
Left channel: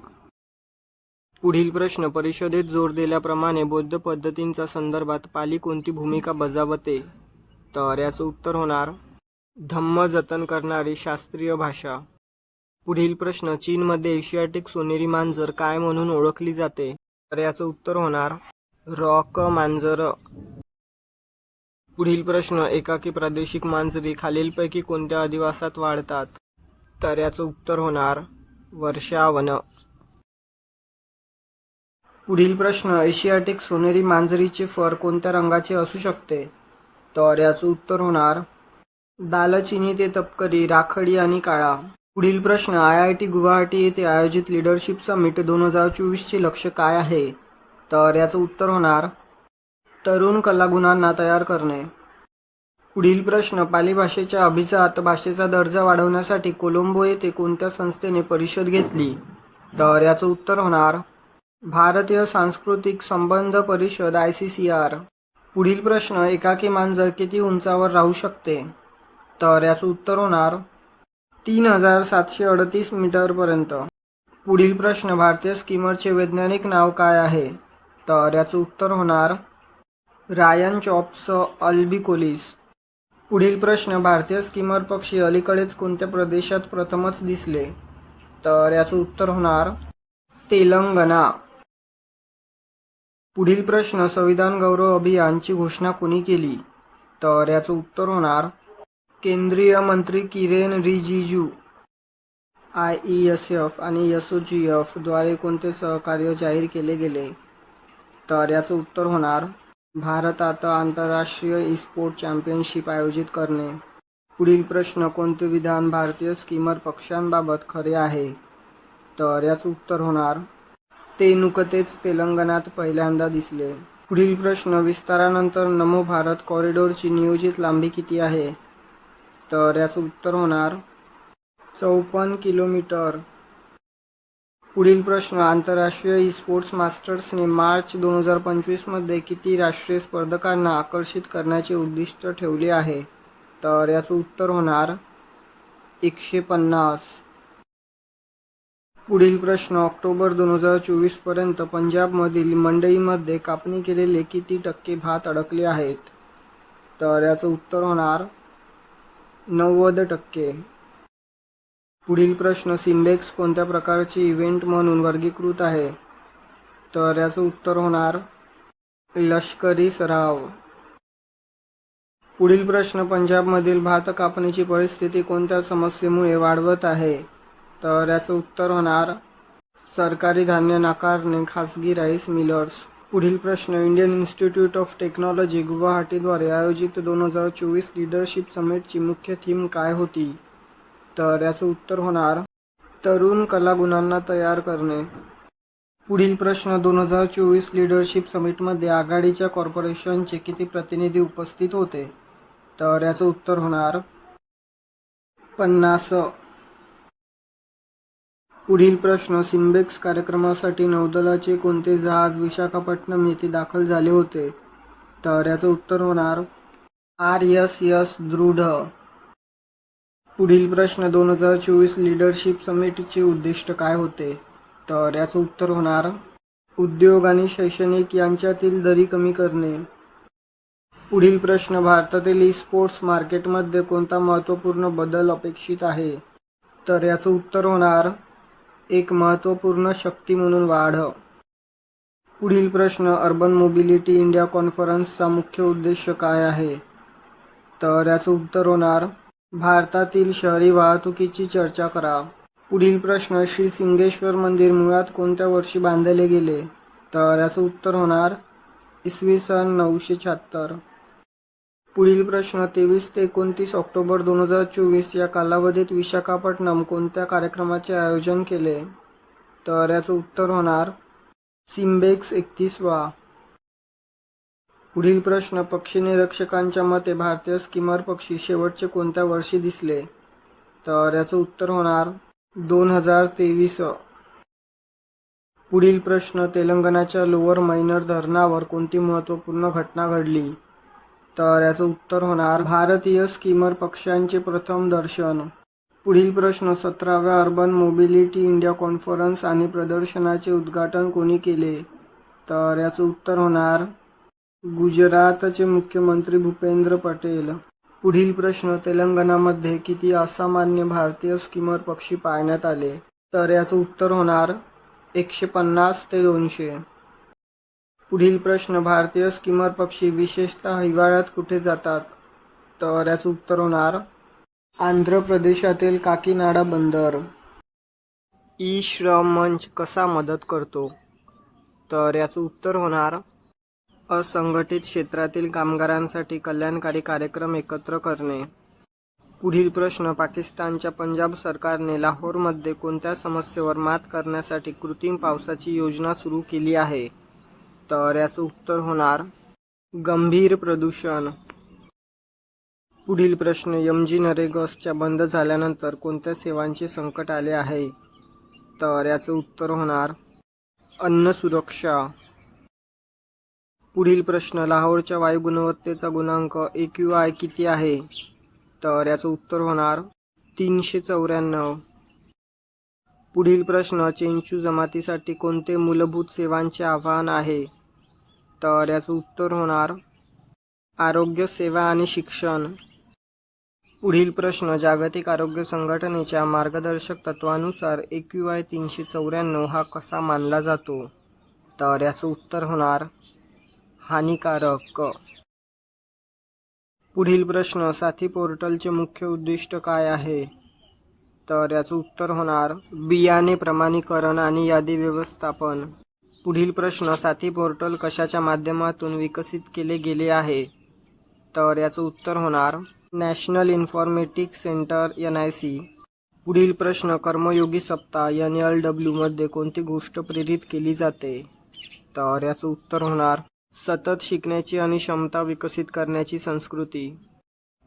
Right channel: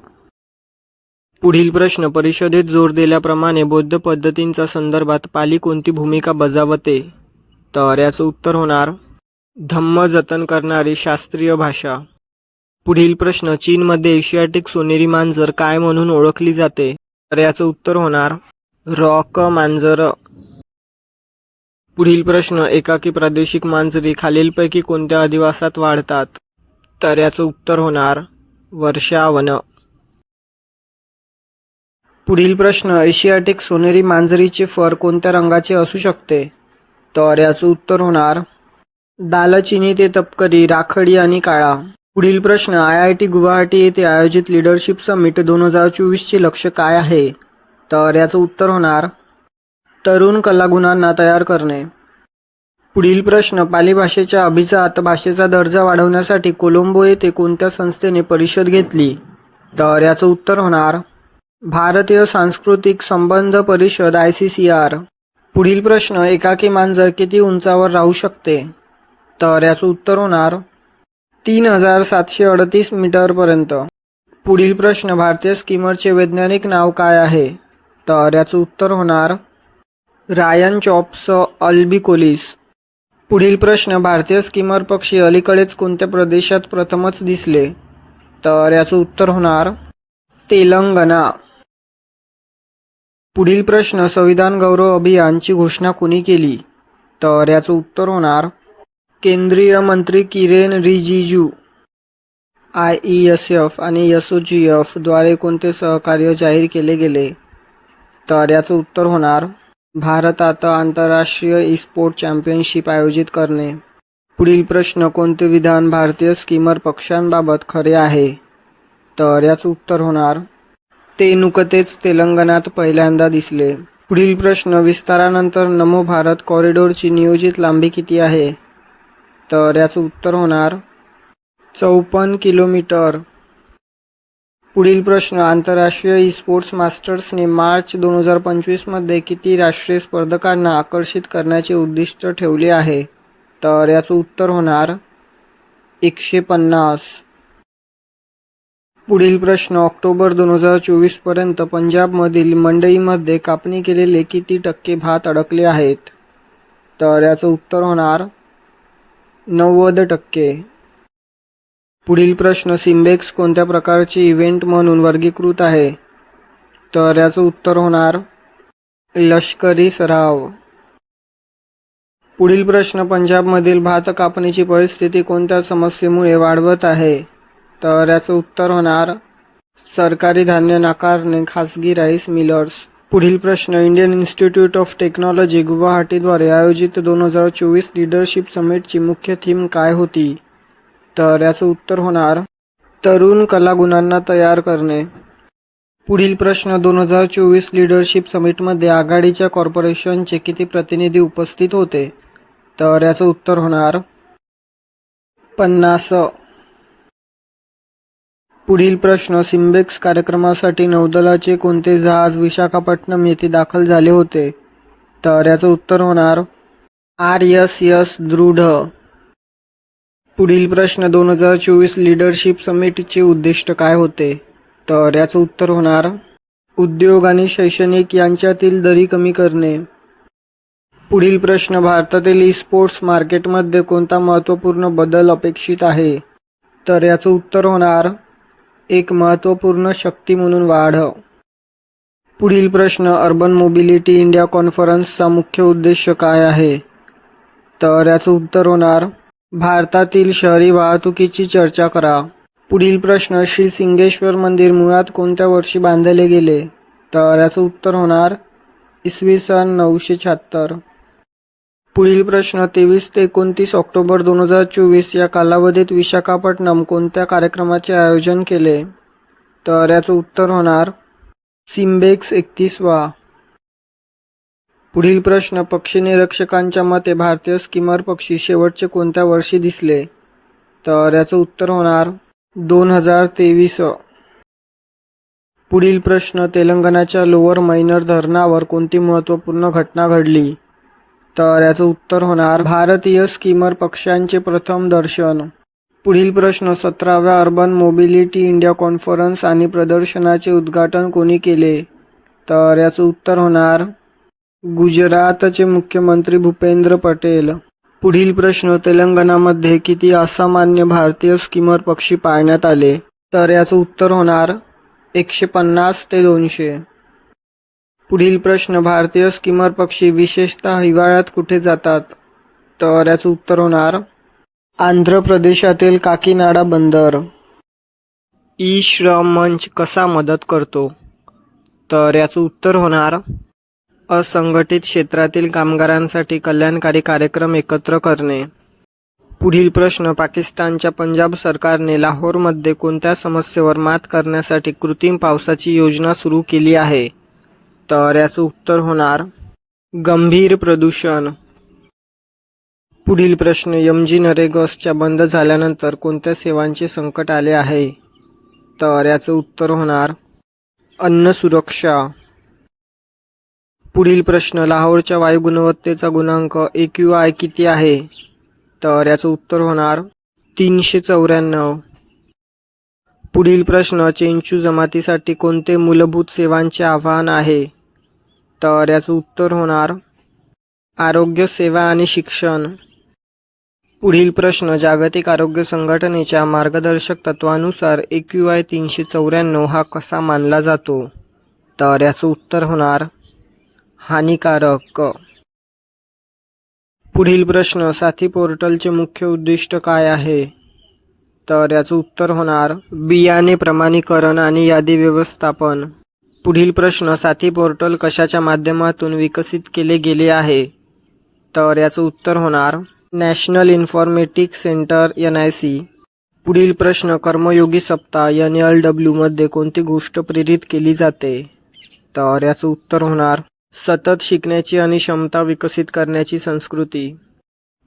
पुढील प्रश्न, परिषदेत जोर दिल्याप्रमाणे बौद्ध पद्धतींच्या संदर्भात पाली कोणती भूमिका बजावते? तर याचं उत्तर होणार धम्म जतन करणारी शास्त्रीय भाषा. पुढील प्रश्न, चीनमध्ये एशियाटिक सोनेरी मांजर काय म्हणून ओळखली जाते? तर याचं उत्तर होणार रॉक मांजर. पुढील प्रश्न, एकाकी प्रादेशिक मांजरी खालीलपैकी कोणत्या अधिवासात वाढतात? तर याचं उत्तर होणार वर्षावन. पुढील प्रश्न, एशियाटिक सोनेरी मांजरीचे फर कोणत्या रंगाचे असू शकते? तर याचं उत्तर होणार दालचिनी ते तपकिरी, राखाडी आणि काळा. पुढील प्रश्न, IIT गुवाहाटी येथे आयोजित लीडरशिप समिट 2024 चे लक्ष्य काय आहे? तर याचं उत्तर होणार तरुण कलागुणांना तयार करणे. पुढील प्रश्न, पाली भाषेच्या अभिजात भाषेचा दर्जा वाढवण्यासाठी कोलंबो येथे कोणत्या संस्थेने परिषद घेतली? तर याचं उत्तर होणार भारतीय सांस्कृतिक संबंध परिषद ICCR. पुढील प्रश्न, एकाकी मांजर किती उंचावर राहू शकते? तर याचं उत्तर होणार 3738 मीटरपर्यंत. पुढील प्रश्न, भारतीय स्कीमरचे वैज्ञानिक नाव काय आहे? तर याचं उत्तर होणार रायन चॉप्स अल्बिकोलिस. पुढील प्रश्न, भारतीय स्कीमर पक्षी अलीकडेच कोणत्या प्रदेशात प्रथमच दिसले? तर याचं उत्तर होणार तेलंगणा. पुढील प्रश्न, संविधान गौरव अभियानची घोषणा कोणी केली? तर याचं उत्तर होणार केंद्रीय मंत्री किरेन रिजिजू. IESF आणि SOGF द्वारे कोणते सहकार्य जाहीर केले गेले? तर याचं उत्तर होणार भारतात आंतरराष्ट्रीय ई-स्पोर्ट चॅम्पियनशिप आयोजित करणे. पुढील प्रश्न, कोणते विधान भारतीय स्कीमर पक्ष्यांबाबत खरे आहे? तर याचं उत्तर होणार ते नुकतेच तेलंगणात पहिल्यांदा दिसले. पुढील प्रश्न, विस्तारानंतर नमो भारत कॉरिडॉरची नियोजित लांबी किती आहे? तर याचं उत्तर होणार 54 किलोमीटर. पुढील प्रश्न, आंतरराष्ट्रीय ई-स्पोर्ट्स मास्टर्सने मार्च 2025 मध्ये किती राष्ट्रीय स्पर्धकांना आकर्षित करण्याचे उद्दिष्ट ठेवले आहे? तर याचं उत्तर होणार 150. पुढील प्रश्न, ऑक्टोबर 2024 पर्यंत पंजाबमधील मंडईमध्ये कापणी केलेले किती टक्के भात अडकले आहेत? तर याचं उत्तर होणार 90%. पुढील प्रश्न, सिम्बेक्स कोणत्या प्रकारचे इव्हेंट म्हणून वर्गीकृत आहे? तर याचं उत्तर होणार लष्करी सराव. पुढील प्रश्न, पंजाबमधील भात कापणीची परिस्थिती कोणत्या समस्येमुळे वाढवत आहे? तर याचं उत्तर होणार सरकारी धान्य नाकारणे खासगी राईस मिलर्स. पुढील प्रश्न, इंडियन इन्स्टिट्यूट ऑफ टेक्नॉलॉजी गुवाहाटीद्वारे आयोजित 2024 लीडरशिप समिटची मुख्य थीम काय होती? तर याचं उत्तर होणार तरुण कलागुणांना तयार करणे. पुढील प्रश्न, 2024 लीडरशिप समिटमध्ये आघाडीच्या कॉर्पोरेशनचे किती प्रतिनिधी उपस्थित होते? तर याचं उत्तर होणार 50. पुढील प्रश्न, सिम्बेक्स कार्यक्रमासाठी नौदलाचे कोणते जहाज विशाखापट्टणम येथे दाखल झाले होते? तर याचं उत्तर होणार RSS दृढ. पुढील प्रश्न, 2024 लीडरशिप समिटचे उद्दिष्ट काय होते? तर याचं उत्तर होणार उद्योग आणि शैक्षणिक यांच्यातील दरी कमी करणे. पुढील प्रश्न, भारतातील ई-स्पोर्ट्स मार्केटमध्ये कोणता महत्त्वपूर्ण बदल अपेक्षित आहे? तर याचं उत्तर होणार एक महत्त्वपूर्ण शक्ती म्हणून वाढ. पुढील प्रश्न, अर्बन मोबिलिटी इंडिया कॉन्फरन्सचा मुख्य उद्देश काय आहे? तर याचं उत्तर होणार भारतातील शहरी वाहतुकीची चर्चा करा. पुढील प्रश्न, श्री सिंगेश्वर मंदिर मुळात कोणत्या वर्षी बांधले गेले? तर याचं उत्तर होणार इसवी सन 976. पुढील प्रश्न, 23 ते 29 ऑक्टोबर 2024 या कालावधीत विशाखापट्टणम कोणत्या कार्यक्रमाचे आयोजन केले? तर याचं उत्तर होणार सिम्बेक्स 31वा. पुढील प्रश्न, पक्षी निरीक्षकांच्या मते भारतीय स्किमर पक्षी शेवटचे कोणत्या वर्षी दिसले? तर याचं उत्तर होणार 2023. पुढील प्रश्न, तेलंगणाच्या लोअर मैनर धरणावर कोणती महत्त्वपूर्ण घटना घडली? तर याचं उत्तर होणार भारतीय स्किमर पक्ष्यांचे प्रथम दर्शन. पुढील प्रश्न, 17व्या अर्बन मोबिलिटी इंडिया कॉन्फरन्स आणि प्रदर्शनाचे उद्घाटन कोणी केले? तर याचं उत्तर होणार गुजरातचे मुख्यमंत्री भूपेंद्र पटेल. पुढील प्रश्न, तेलंगणामध्ये किती असामान्य भारतीय स्किमर पक्षी पाळण्यात आले? तर याचं उत्तर होणार 150 ते 200. पुढील प्रश्न, भारतीय स्किमर पक्षी विशेषतः हिवाळ्यात कुठे जातात? तर याचं उत्तर होणार आंध्र प्रदेशातील काकीनाडा बंदर. ई-श्रम मंच कसा मदत करतो? तर याचं उत्तर होणार असंघटित क्षेत्रातील कामगारांसाठी कल्याणकारी कार्यक्रम एकत्र करणे. पुढील प्रश्न, पाकिस्तानच्या पंजाब सरकारने लाहोरमध्ये कोणत्या समस्येवर मात करण्यासाठी कृत्रिम पावसाची योजना सुरू केली आहे? तर याचं उत्तर होणार गंभीर प्रदूषण. पुढील प्रश्न, MG नरेगाच्या बंद झाल्यानंतर कोणत्या सेवांचे संकट आले आहे? तर याचं उत्तर होणार अन्न सुरक्षा. पुढील प्रश्न, लाहोरच्या वायू गुणवत्तेचा गुणांक AQI किती आहे? तर याचं उत्तर होणार 394. पुढील प्रश्न, चेंचू जमातीसाठी कोणते मूलभूत सेवांचे आव्हान आहे? तर याचं उत्तर होणार आरोग्य सेवा आणि शिक्षण. पुढील प्रश्न, जागतिक आरोग्य संघटनेच्या मार्गदर्शक तत्वानुसार AQI 394 हा कसा मानला जातो? तर याचं उत्तर होणार हानिकारक. पुढील प्रश्न, साथी पोर्टलचे मुख्य उद्दिष्ट काय आहे? तर याचं उत्तर होणार बियाणे प्रमाणीकरण आणि यादी व्यवस्थापन. पुढील प्रश्न, साथी पोर्टल कशाच्या माध्यमातून विकसित केले गेले आहे? तर याचं उत्तर होणार नॅशनल इन्फॉर्मेटिक्स सेंटर NIC. पुढील प्रश्न, कर्मयोगी सप्ताह NLW मध्ये कोणती गोष्ट प्रेरित केली जाते? तर याचं उत्तर होणार सतत शिकण्याची आणि क्षमता विकसित करण्याची संस्कृती.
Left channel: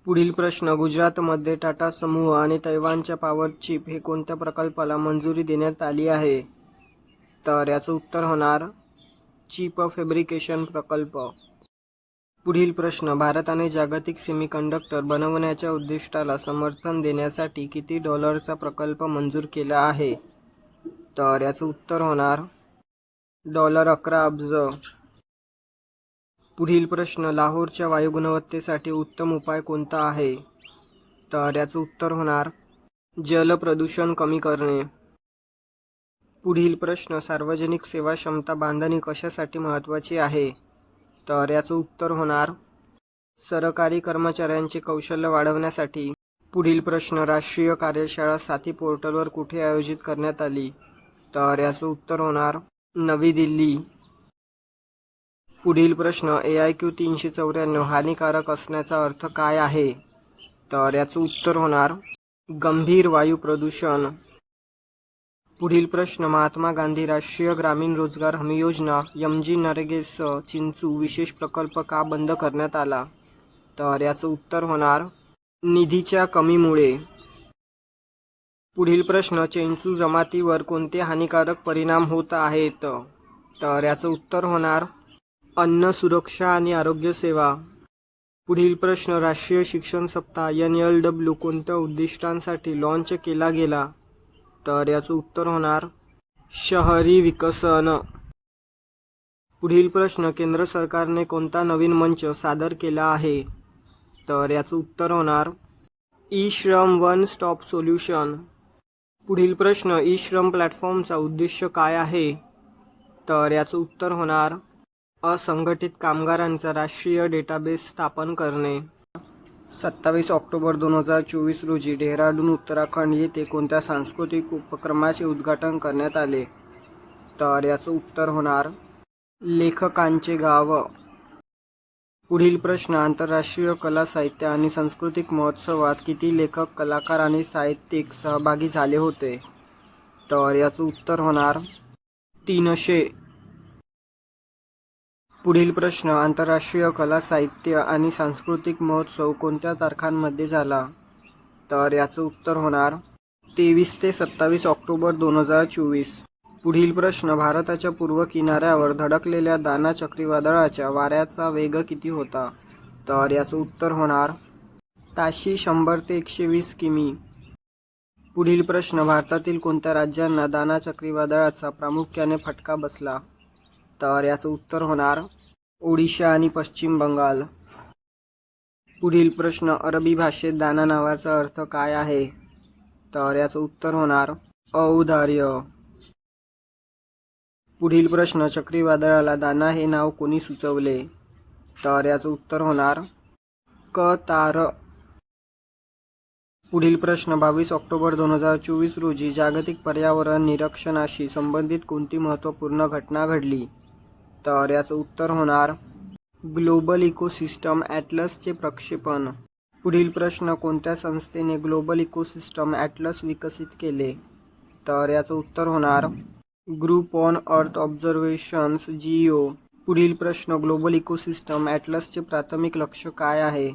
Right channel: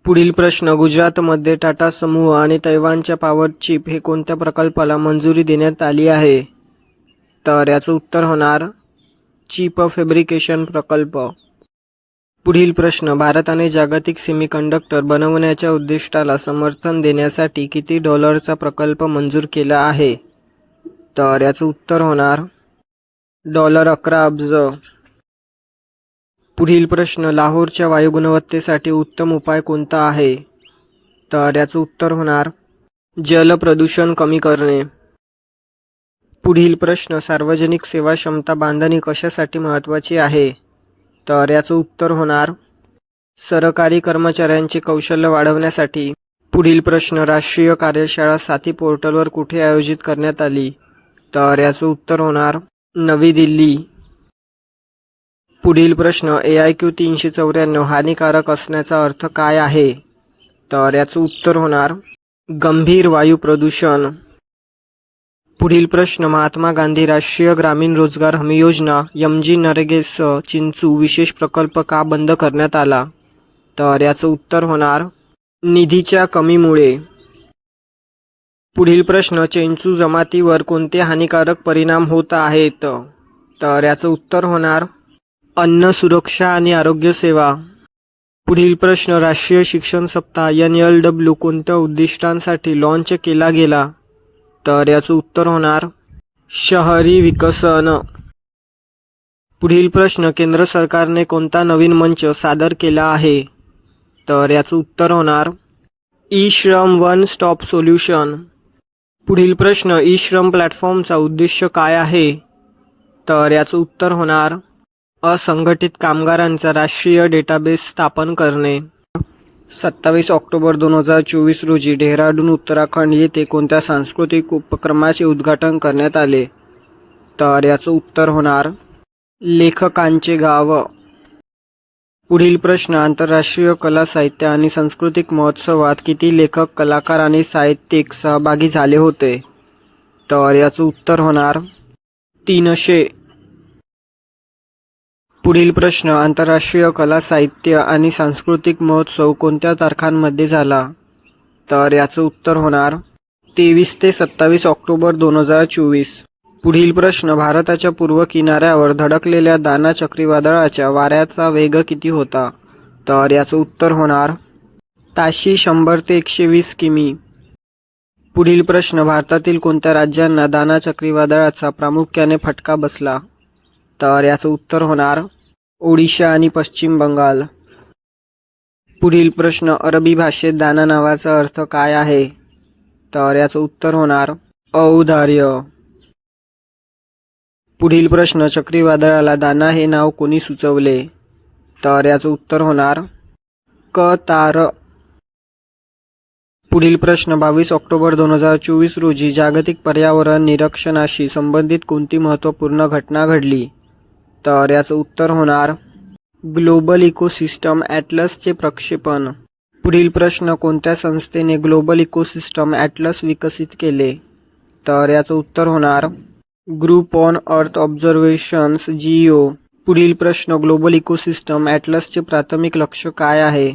पुढील प्रश्न, गुजरातमध्ये टाटा समूह आणि तैवानच्या पॉवर चिप हे कोणत्या प्रकल्पाला मंजुरी देण्यात आली आहे? तर याचं उत्तर होणार चिप फॅब्रिकेशन प्रकल्प. पुढील प्रश्न, भारताने जागतिक सेमीकंडक्टर बनवण्याच्या उद्दिष्टाला समर्थन देण्यासाठी किती डॉलरचा प्रकल्प मंजूर केला आहे? तर याचं उत्तर होणार $11 अब्ज. पुढील प्रश्न, लाहोरच्या वायू गुणवत्तेसाठी उत्तम उपाय कोणता आहे? तर याचं उत्तर होणार जल प्रदूषण कमी करणे. पुढील प्रश्न, सार्वजनिक सेवा क्षमता बांधणी कशासाठी महत्त्वाची आहे? तर याचं उत्तर होणार सरकारी कर्मचाऱ्यांचे कौशल्य वाढवण्यासाठी. पुढील प्रश्न, राष्ट्रीय कार्यशाळा साथी पोर्टलवर कुठे आयोजित करण्यात आली? तर याचं उत्तर होणार नवी दिल्ली. पुढील प्रश्न, AIQ 394 हानिकारक असण्याचा अर्थ काय आहे? तर याचं उत्तर होणार गंभीर वायू प्रदूषण. पुढील प्रश्न, महात्मा गांधी राष्ट्रीय ग्रामीण रोजगार हमी योजना MG नरेगासह चिंचू विशेष प्रकल्प का बंद करण्यात आला? तर याचं उत्तर होणार निधीच्या कमीमुळे. पुढील प्रश्न, चेंचू जमातीवर कोणते हानिकारक परिणाम होत आहेत? तर याचं उत्तर होणार अन्न सुरक्षा आणि आरोग्य सेवा. पुढील प्रश्न, राष्ट्रीय शिक्षण सप्ताह NLW कोणत्या उद्दिष्टांसाठी लॉन्च केला गेला? तर याचं उत्तर होणार शहरी विकसन. पुढील प्रश्न, केंद्र सरकारने कोणता नवीन मंच सादर केला आहे? तर याचं उत्तर होणार ई-श्रम वन स्टॉप सोल्युशन. पुढील प्रश्न, ई-श्रम प्लॅटफॉर्मचा उद्देश काय आहे? तर याचं उत्तर होणार असंघटित कामगारांचा राष्ट्रीय डेटाबेस स्थापन करणे. 27 ऑक्टोबर 2024 रोजी डेहराडून उत्तराखंड येथे कोणत्या सांस्कृतिक उपक्रमाचे उद्घाटन करण्यात आले? तर याचं उत्तर होणार लेखकांचे गाव. पुढील प्रश्न, आंतरराष्ट्रीय कला साहित्य आणि सांस्कृतिक महोत्सवात किती लेखक, कलाकार आणि साहित्यिक सहभागी झाले होते? तर याचं उत्तर होणार 300. पुढील प्रश्न, आंतरराष्ट्रीय कला साहित्य आणि सांस्कृतिक महोत्सव कोणत्या तारखांमध्ये झाला? तर याचं उत्तर होणार 23 ते 27 ऑक्टोबर 2024. पुढील प्रश्न, भारताच्या पूर्व किनाऱ्यावर धडकलेल्या दाना चक्रीवादळाच्या वाऱ्याचा वेग किती होता? तर याचं उत्तर होणार ताशी 100 ते 120 किमी. पुढील प्रश्न, भारतातील कोणत्या राज्यांना दाना चक्रीवादळाचा प्रामुख्याने फटका बसला? तर याचं उत्तर होणार ओडिशा आणि पश्चिम बंगाल. पुढील प्रश्न, अरबी भाषेत दाना नावाचा अर्थ काय आहे? तर याचं उत्तर होणार औदार्य. पुढील प्रश्न, चक्रीवादळाला दाना हे नाव कोणी सुचवले? तर याचं उत्तर होणार कतार. पुढील प्रश्न, 22 ऑक्टोबर 2024 रोजी जागतिक पर्यावरण निरीक्षणाशी संबंधित कोणती महत्त्वपूर्ण घटना घडली? तर याचं उत्तर होणार ग्लोबल इकोसिस्टम ॲटलसचे प्रक्षेपण. पुढील प्रश्न, कोणत्या संस्थेने ग्लोबल इकोसिस्टम ॲटलस विकसित केले? तर याचं उत्तर होणार group on earth observations GEO. पुढील प्रश्न, ग्लोबल इकोसिस्टम ॲटलसचे प्राथमिक लक्ष्य काय आहे?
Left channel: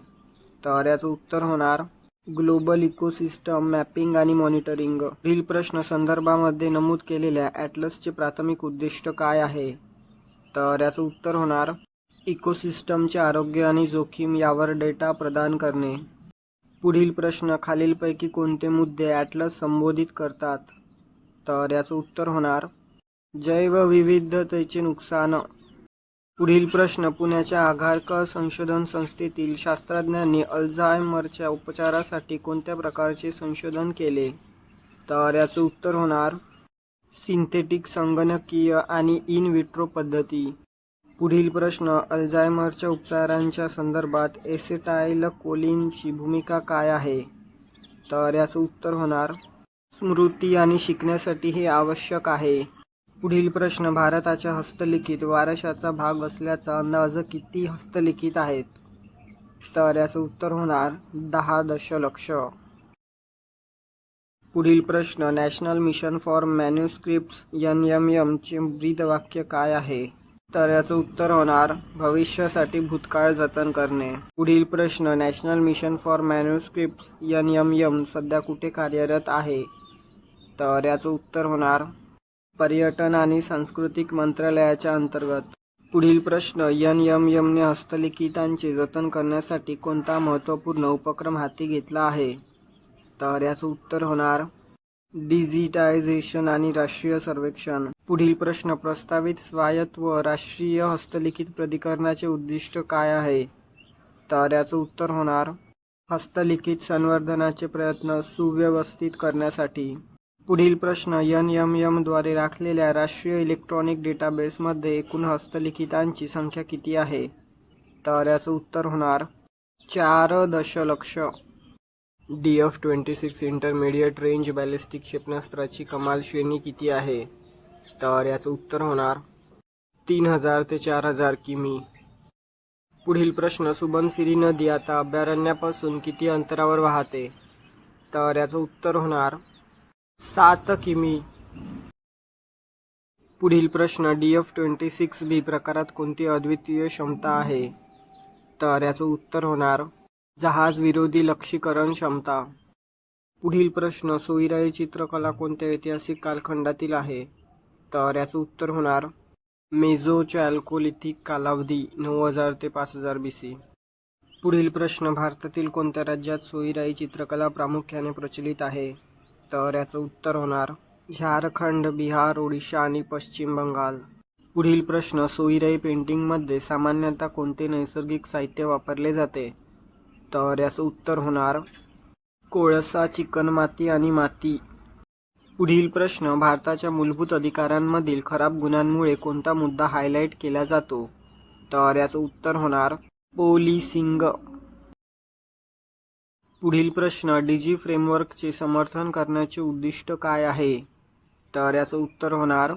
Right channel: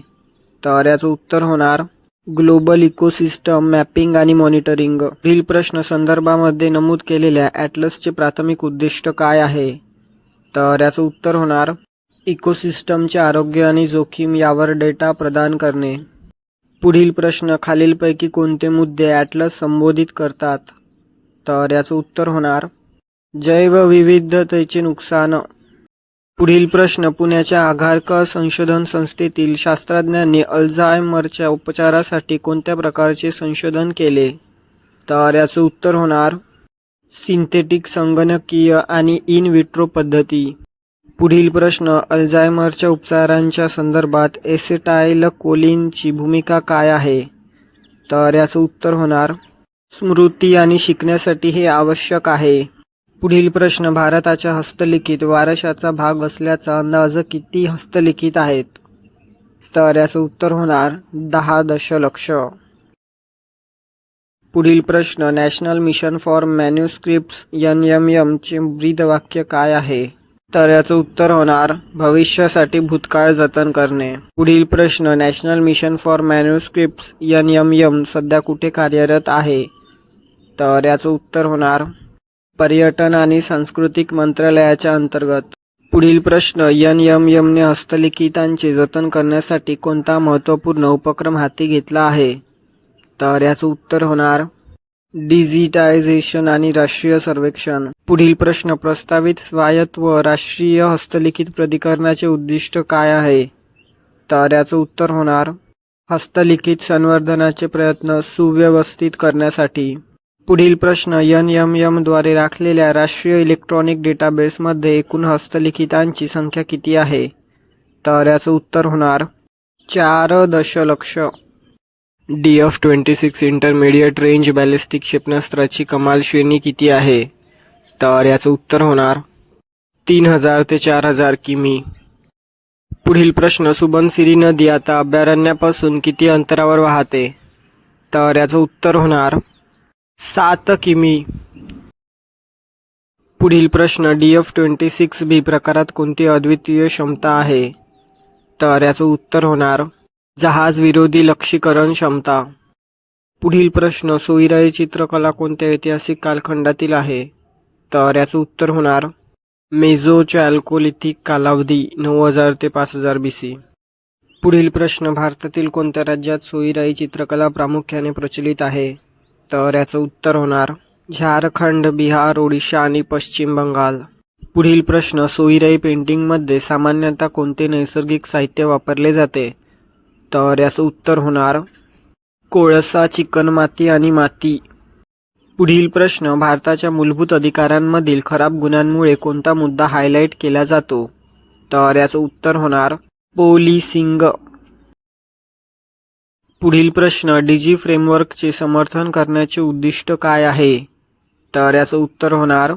तर याचं उत्तर होणार ग्लोबल इकोसिस्टम मॅपिंग आणि मॉनिटरिंग. पुढील प्रश्न, संदर्भामध्ये नमूद केलेल्या ॲटलसचे प्राथमिक उद्दिष्ट काय आहे? तर याचं उत्तर होणार इकोसिस्टमचे आरोग्य आणि जोखीम यावर डेटा प्रदान करणे. पुढील प्रश्न, खालीलपैकी कोणते मुद्दे ॲटलस संबोधित करतात? तर याचं उत्तर होणार जैवविविधतेचे नुकसान. पुढील प्रश्न, पुण्याच्या आघारकर संशोधन संस्थेतील शास्त्रज्ञांनी अल्झायमरच्या उपचारासाठी कोणत्या प्रकारचे संशोधन केले? तर याचं उत्तर होणार सिंथेटिक संगणकीय आणि इन विट्रो पद्धती. पुढील प्रश्न, अल्झायमरच्या उपचारांच्या संदर्भात एसिटाइलकोलिनची भूमिका काय आहे? तर याचं उत्तर होणार स्मृती आणि शिकण्यासाठी हे आवश्यक आहे. पुढील प्रश्न, भारताच्या हस्तलिखित वारशाचा भाग असल्याचा अंदाज किती हस्तलिखित आहेत? तर याचं उत्तर होणार 10 दशलक्ष. पुढील प्रश्न, national mission for manuscripts NMM चे ब्रीदवाक्य काय आहे? तर याचं उत्तर होणार भविष्यासाठी भूतकाळ जतन करणे. पुढील प्रश्न, national mission for manuscripts NMM सध्या कुठे कार्यरत आहे? तर याचं उत्तर होणार पर्यटन आणि सांस्कृतिक मंत्रालयाच्या अंतर्गत. पुढील प्रश्न, NMMने हस्तलिखितांचे जतन करण्यासाठी कोणता महत्त्वपूर्ण उपक्रम हाती घेतला आहे? तर याचं उत्तर होणार डिजिटायझेशन आणि राष्ट्रीय सर्वेक्षण. पुढील प्रश्न, प्रस्तावित स्वायत्त राष्ट्रीय हस्तलिखित प्राधिकरणाचे उद्दिष्ट काय आहे? तर याचं उत्तर होणार हस्तलिखित संवर्धनाचे प्रयत्न सुव्यवस्थित करण्यासाठी. पुढील प्रश्न, NMM द्वारे राखलेल्या राष्ट्रीय इलेक्ट्रॉनिक डेटाबेसमध्ये एकूण हस्तलिखितांची संख्या किती आहे? तर याचं उत्तर होणार 4 दशलक्ष. DF-26 इंटरमिडिएट रेंज बॅलिस्टिक क्षेपणास्त्राची कमाल श्रेणी किती आहे? तर याचं उत्तर होणार 3000 ते 4000 किमी. पुढील प्रश्न, सुबनसिरी नदी आता अभयारण्यापासून किती अंतरावर वाहते? तर याचं उत्तर होणार 7 किमी. पुढील प्रश्न, DF-26B प्रकारात कोणती अद्वितीय क्षमता आहे? तर याचं उत्तर होणार जहाज विरोधी लक्ष्यीकरण क्षमता. पुढील प्रश्न, सोयीराई चित्रकला कोणत्या ऐतिहासिक कालखंडातील आहे? तर याचं उत्तर होणार मेसोचॅल्कोलिथिक कालावधी 9000 ते 5000 BC. पुढील प्रश्न, भारतातील कोणत्या राज्यात सोयीराई चित्रकला प्रामुख्याने प्रचलित आहे? तर याचं उत्तर होणार झारखंड, बिहार, ओडिशा आणि पश्चिम बंगाल. पुढील प्रश्न, सोयीराई पेंटिंगमध्ये सामान्यतः कोणते नैसर्गिक साहित्य वापरले जाते? तर याचं उत्तर होणार कोळसा, चिकणमाती आणि माती. पुढील प्रश्न, भारताच्या मूलभूत अधिकारांमधील खराब गुणांमुळे कोणता मुद्दा हायलाईट केला जातो? तर याचं उत्तर होणार पोलिसिंग. पुढील प्रश्न, डिजी फ्रेमवर्कचे समर्थन करण्याचे उद्दिष्ट काय आहे? तर याचं उत्तर होणार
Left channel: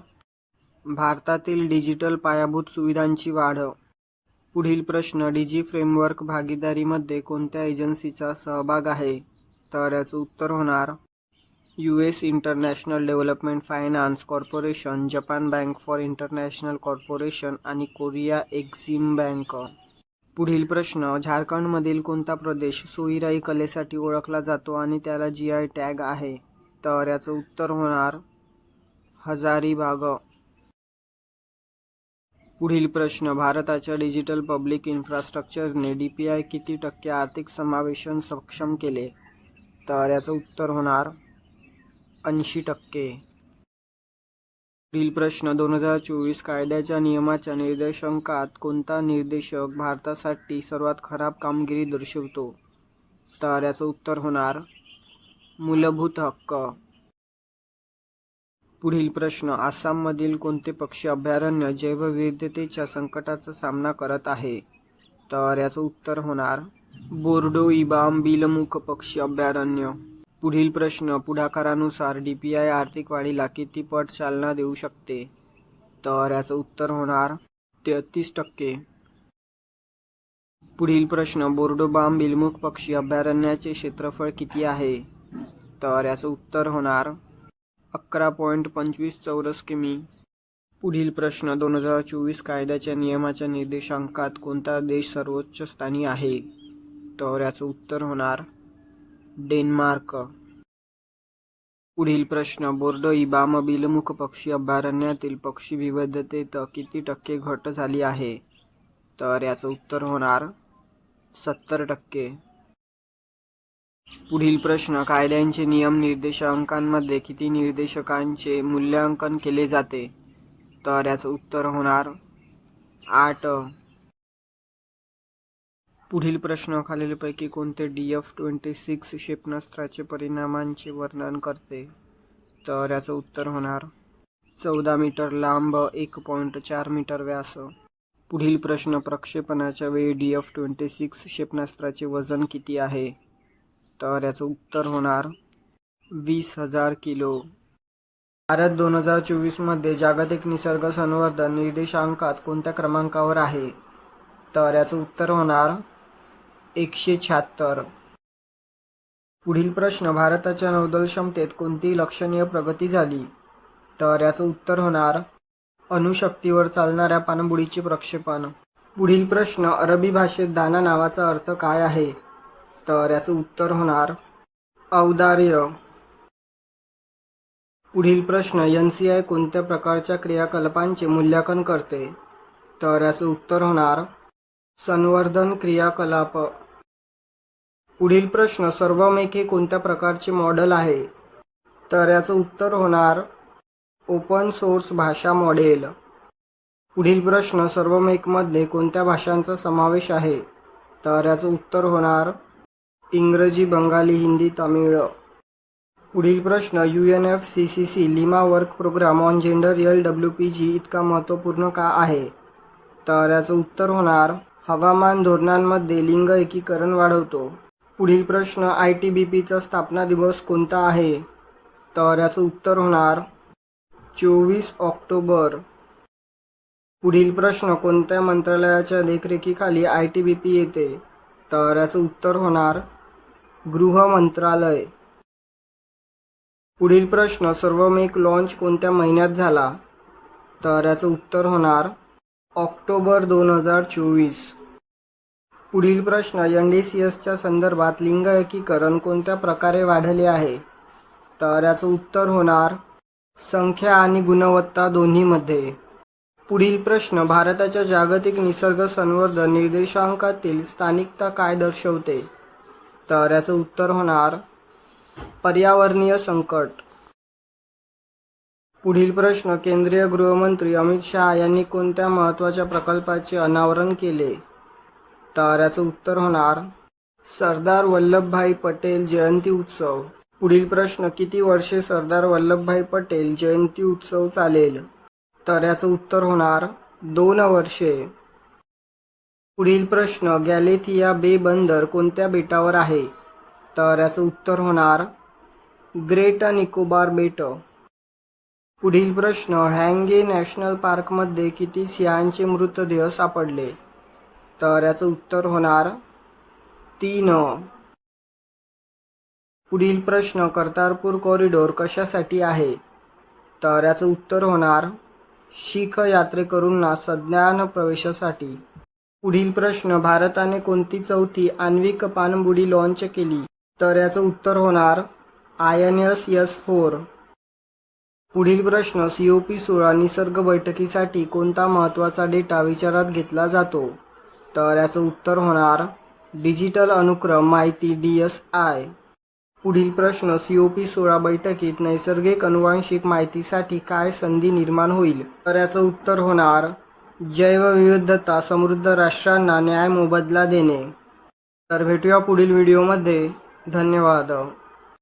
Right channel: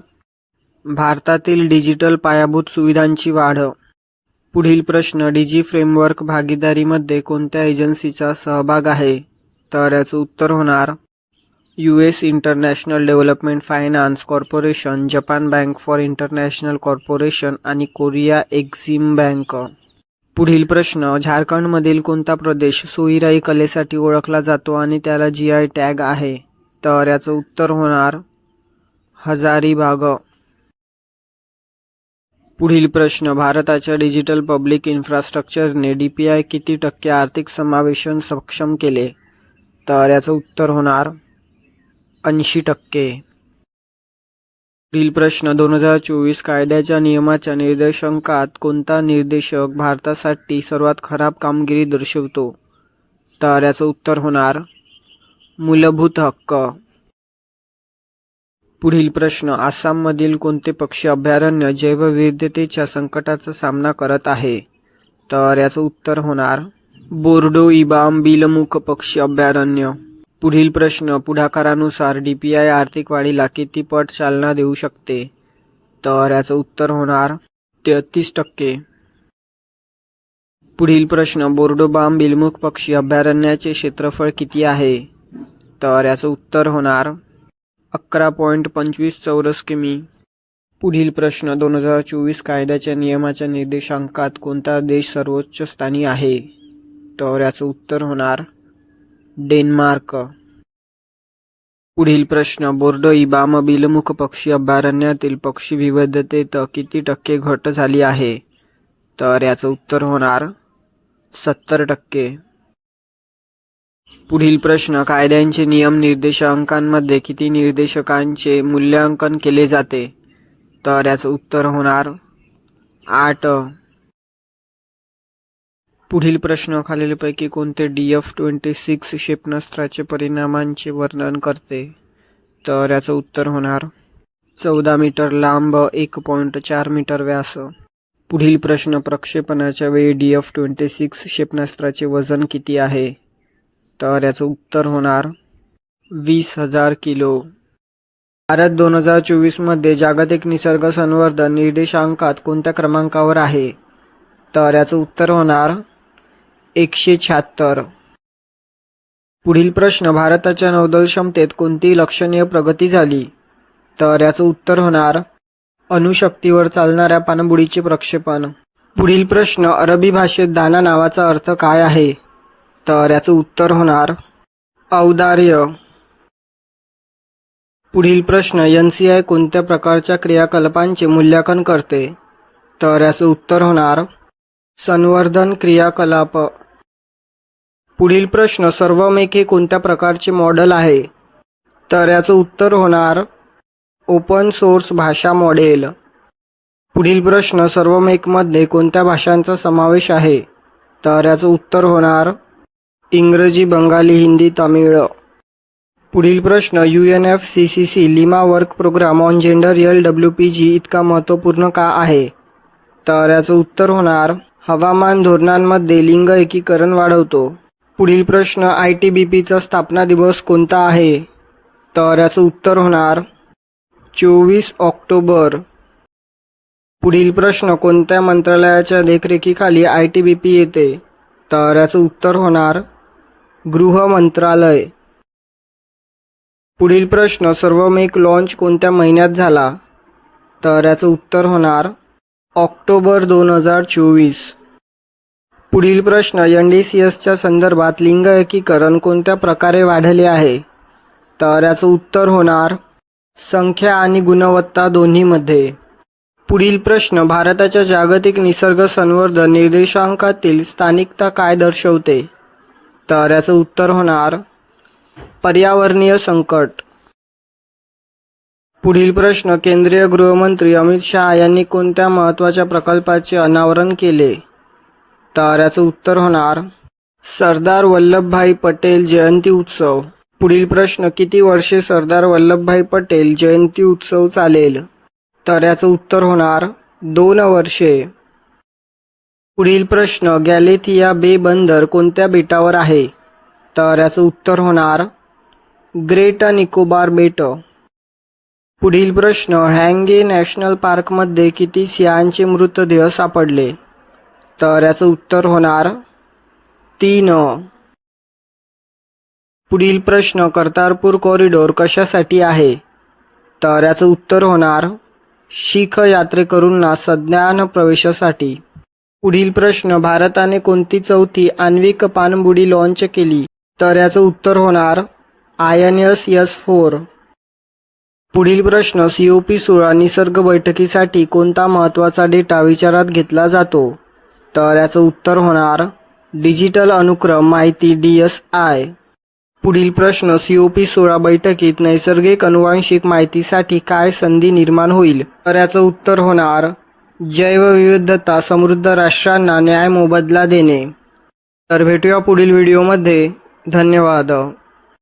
भारतातील डिजिटल पायाभूत सुविधांची वाढ. पुढील प्रश्न, डिजी फ्रेमवर्क भागीदारीमध्ये कोणत्या एजन्सीचा सहभाग आहे? तर याचं उत्तर होणार US international development finance corporation, Japan bank for international corporation आणि कोरिया एक्झिम बँक. पुढील प्रश्न, झारखंडमधील कोणता प्रदेश सोयीराई कलेसाठी ओळखला जातो आणि त्याला GI टॅग आहे? तर याचं उत्तर होणार हजारीबाग. पुढील प्रश्न, भारताच्या डिजिटल पब्लिक इन्फ्रास्ट्रक्चरने DPI किती टक्के आर्थिक समावेशन सक्षम केले? तर याचं उत्तर होणार 80%. पुढील प्रश्न, 2024 कायद्याच्या नियमाच्या निर्देशांकात कोणता निर्देशक भारतासाठी सर्वात खराब कामगिरी दर्शवतो? तर याचं उत्तर होणार मूलभूत हक्क. पुढील प्रश्न, आसाममधील कोणते पक्षी अभयारण्य जैवविविधतेच्या संकटाचा सामना करत आहे? तर याचं उत्तर होणार बोर्डो-इबाम बिलमुख पक्षी अभयारण्य. पुढील प्रश्न, पुढाकारानुसार DPI आर्थिक वाढीला किती पट चालना देऊ शकते? तर याचं उत्तर होणार 33%. पुढील प्रश्न, बोर्डो-बाम बिलमुख पक्षी अभयारण्याचे क्षेत्रफळ किती आहे? तर याचं उत्तर होणार 11.25 चौरस किमी. पुढील प्रश्न, 2024 कायद्याच्या नियमाच्या निर्देशांकात कोणता देश सर्वोच्च स्थानी आहे? तर याचं उत्तर होणार डेन्मार्क. पुढील प्रश्न, बोर्डो-इबाम बिलमुख पक्षी अभयारण्यातील पक्षी विविधतेत किती टक्के घट झाली आहे? तर याचं उत्तर होणार 70%. पुढील प्रश्न, कायद्यांचे नियम निर्देशांकांमध्ये किती निर्देशकांचे मूल्यांकन केले जाते? तर याचं उत्तर होणार 8. पुढील प्रश्न, खालीलपैकी कोणते DF-26 क्षेपणास्त्राचे परिणामांचे वर्णन करते? तर याचं उत्तर होणार 14 मीटर लांब, 1.4 मीटर व्यास. पुढील प्रश्न, प्रक्षेपणाच्या वेळी DF-26 क्षेपणास्त्राचे वजन किती आहे? तर याचं उत्तर होणार 20,000 किलो. भारत 2024 मध्ये जागतिक निसर्ग संवर्धन निर्देशांकात कोणत्या क्रमांकावर आहे? तर याचं उत्तर होणार 176. पुढील प्रश्न, भारताच्या नौदल क्षमतेत कोणती लक्षणीय प्रगती झाली? तर याचं उत्तर होणार अणुशक्तीवर चालणाऱ्या पाणबुडीचे प्रक्षेपण. पुढील प्रश्न, अरबी भाषेत दाना नावाचा अर्थ काय आहे? तर याचं उत्तर होणार औदार्य. पुढील प्रश्न, NCI कोणत्या प्रकारच्या क्रियाकलापांचे मूल्यांकन करते? तर याचं उत्तर होणार संवर्धन क्रियाकलाप. पुढील प्रश्न, सर्व्हमेक हे कोणत्या प्रकारचे मॉडेल आहे? तर याचं उत्तर होणार ओपन सोर्स भाषा मॉडेल. पुढील प्रश्न, सर्व्हमेकमध्ये कोणत्या भाषांचा समावेश आहे? तर याचं उत्तर होणार इंग्रजी, बंगाली, हिंदी, तामिळ. पुढील प्रश्न, UNFCCC Lima work programme on gender LWPG इतका महत्त्वपूर्ण का आहे? तर याचं उत्तर होणार हवामान धोरणांमध्ये लिंग एकीकरण वाढवतो. पुढील प्रश्न, ITBPचा स्थापना दिवस कोणता आहे? तर याचं उत्तर होणार 24 ऑक्टोबर. पुढील प्रश्न, कोणत्या मंत्रालयाच्या देखरेखीखाली ITBP येते? तर याचं उत्तर होणार गृह मंत्रालय. पुढील प्रश्न, सर्व्हमेक लॉन्च कोणत्या महिन्यात झाला? तर याचं उत्तर होणार ऑक्टोबर 2024. पुढील प्रश्न, NDCSच्या संदर्भात लिंग एकीकरण कोणत्या प्रकारे वाढले आहे? तर याचं उत्तर होणार संख्या आणि गुणवत्ता दोन्हीमध्ये. पुढील प्रश्न, भारताच्या जागतिक निसर्ग संवर्धन निर्देशांकातील स्थानिकता काय दर्शवते? तर याचं उत्तर होणार पर्यावरणीय संकट. पुढील प्रश्न, केंद्रीय गृहमंत्री अमित शहा यांनी कोणत्या महत्त्वाच्या प्रकल्पाचे अनावरण केले? तर याचं उत्तर होणार सरदार वल्लभभाई पटेल जयंती उत्सव. पुढील प्रश्न, किती वर्षे सरदार वल्लभभाई पटेल जयंती उत्सव चालेल? तर याचं उत्तर होणार 2 वर्षे. पुढील प्रश्न, गॅलेथिया बे बंदर कोणत्या बेटावर आहे? तर याचं उत्तर होणार ग्रेट निकोबार बेट. पुढील प्रश्न, हँगे नॅशनल पार्कमध्ये किती सिंहांचे मृतदेह सापडले? तर याचं उत्तर होणार 3. पुढील प्रश्न, कर्तारपूर कॉरिडॉर कशासाठी आहे? तर याचं उत्तर होणार शीख यात्रेकरूंना सज्ञान प्रवेशासाठी. पुढील प्रश्न, भारताने कोणती चौथी आण्विक पाणबुडी लॉन्च केली? तर याचं उत्तर होणार INS-4. पुढील प्रश्न, COP16 निसर्ग बैठकीसाठी कोणता महत्त्वाचा डेटा विचारात घेतला जातो? तर याचं उत्तर होणार डिजिटल अनुक्रम माहिती DSI. पुढील प्रश्न, COP16 बैठकीत नैसर्गिक अनुवांशिक माहितीसाठी काय संधी निर्माण होईल? तर याचं उत्तर होणार जैवविविधता समृद्ध राष्ट्रांना न्याय मोबदला देणे. तर भेटूया पुढील व्हिडिओमध्ये. धन्यवाद.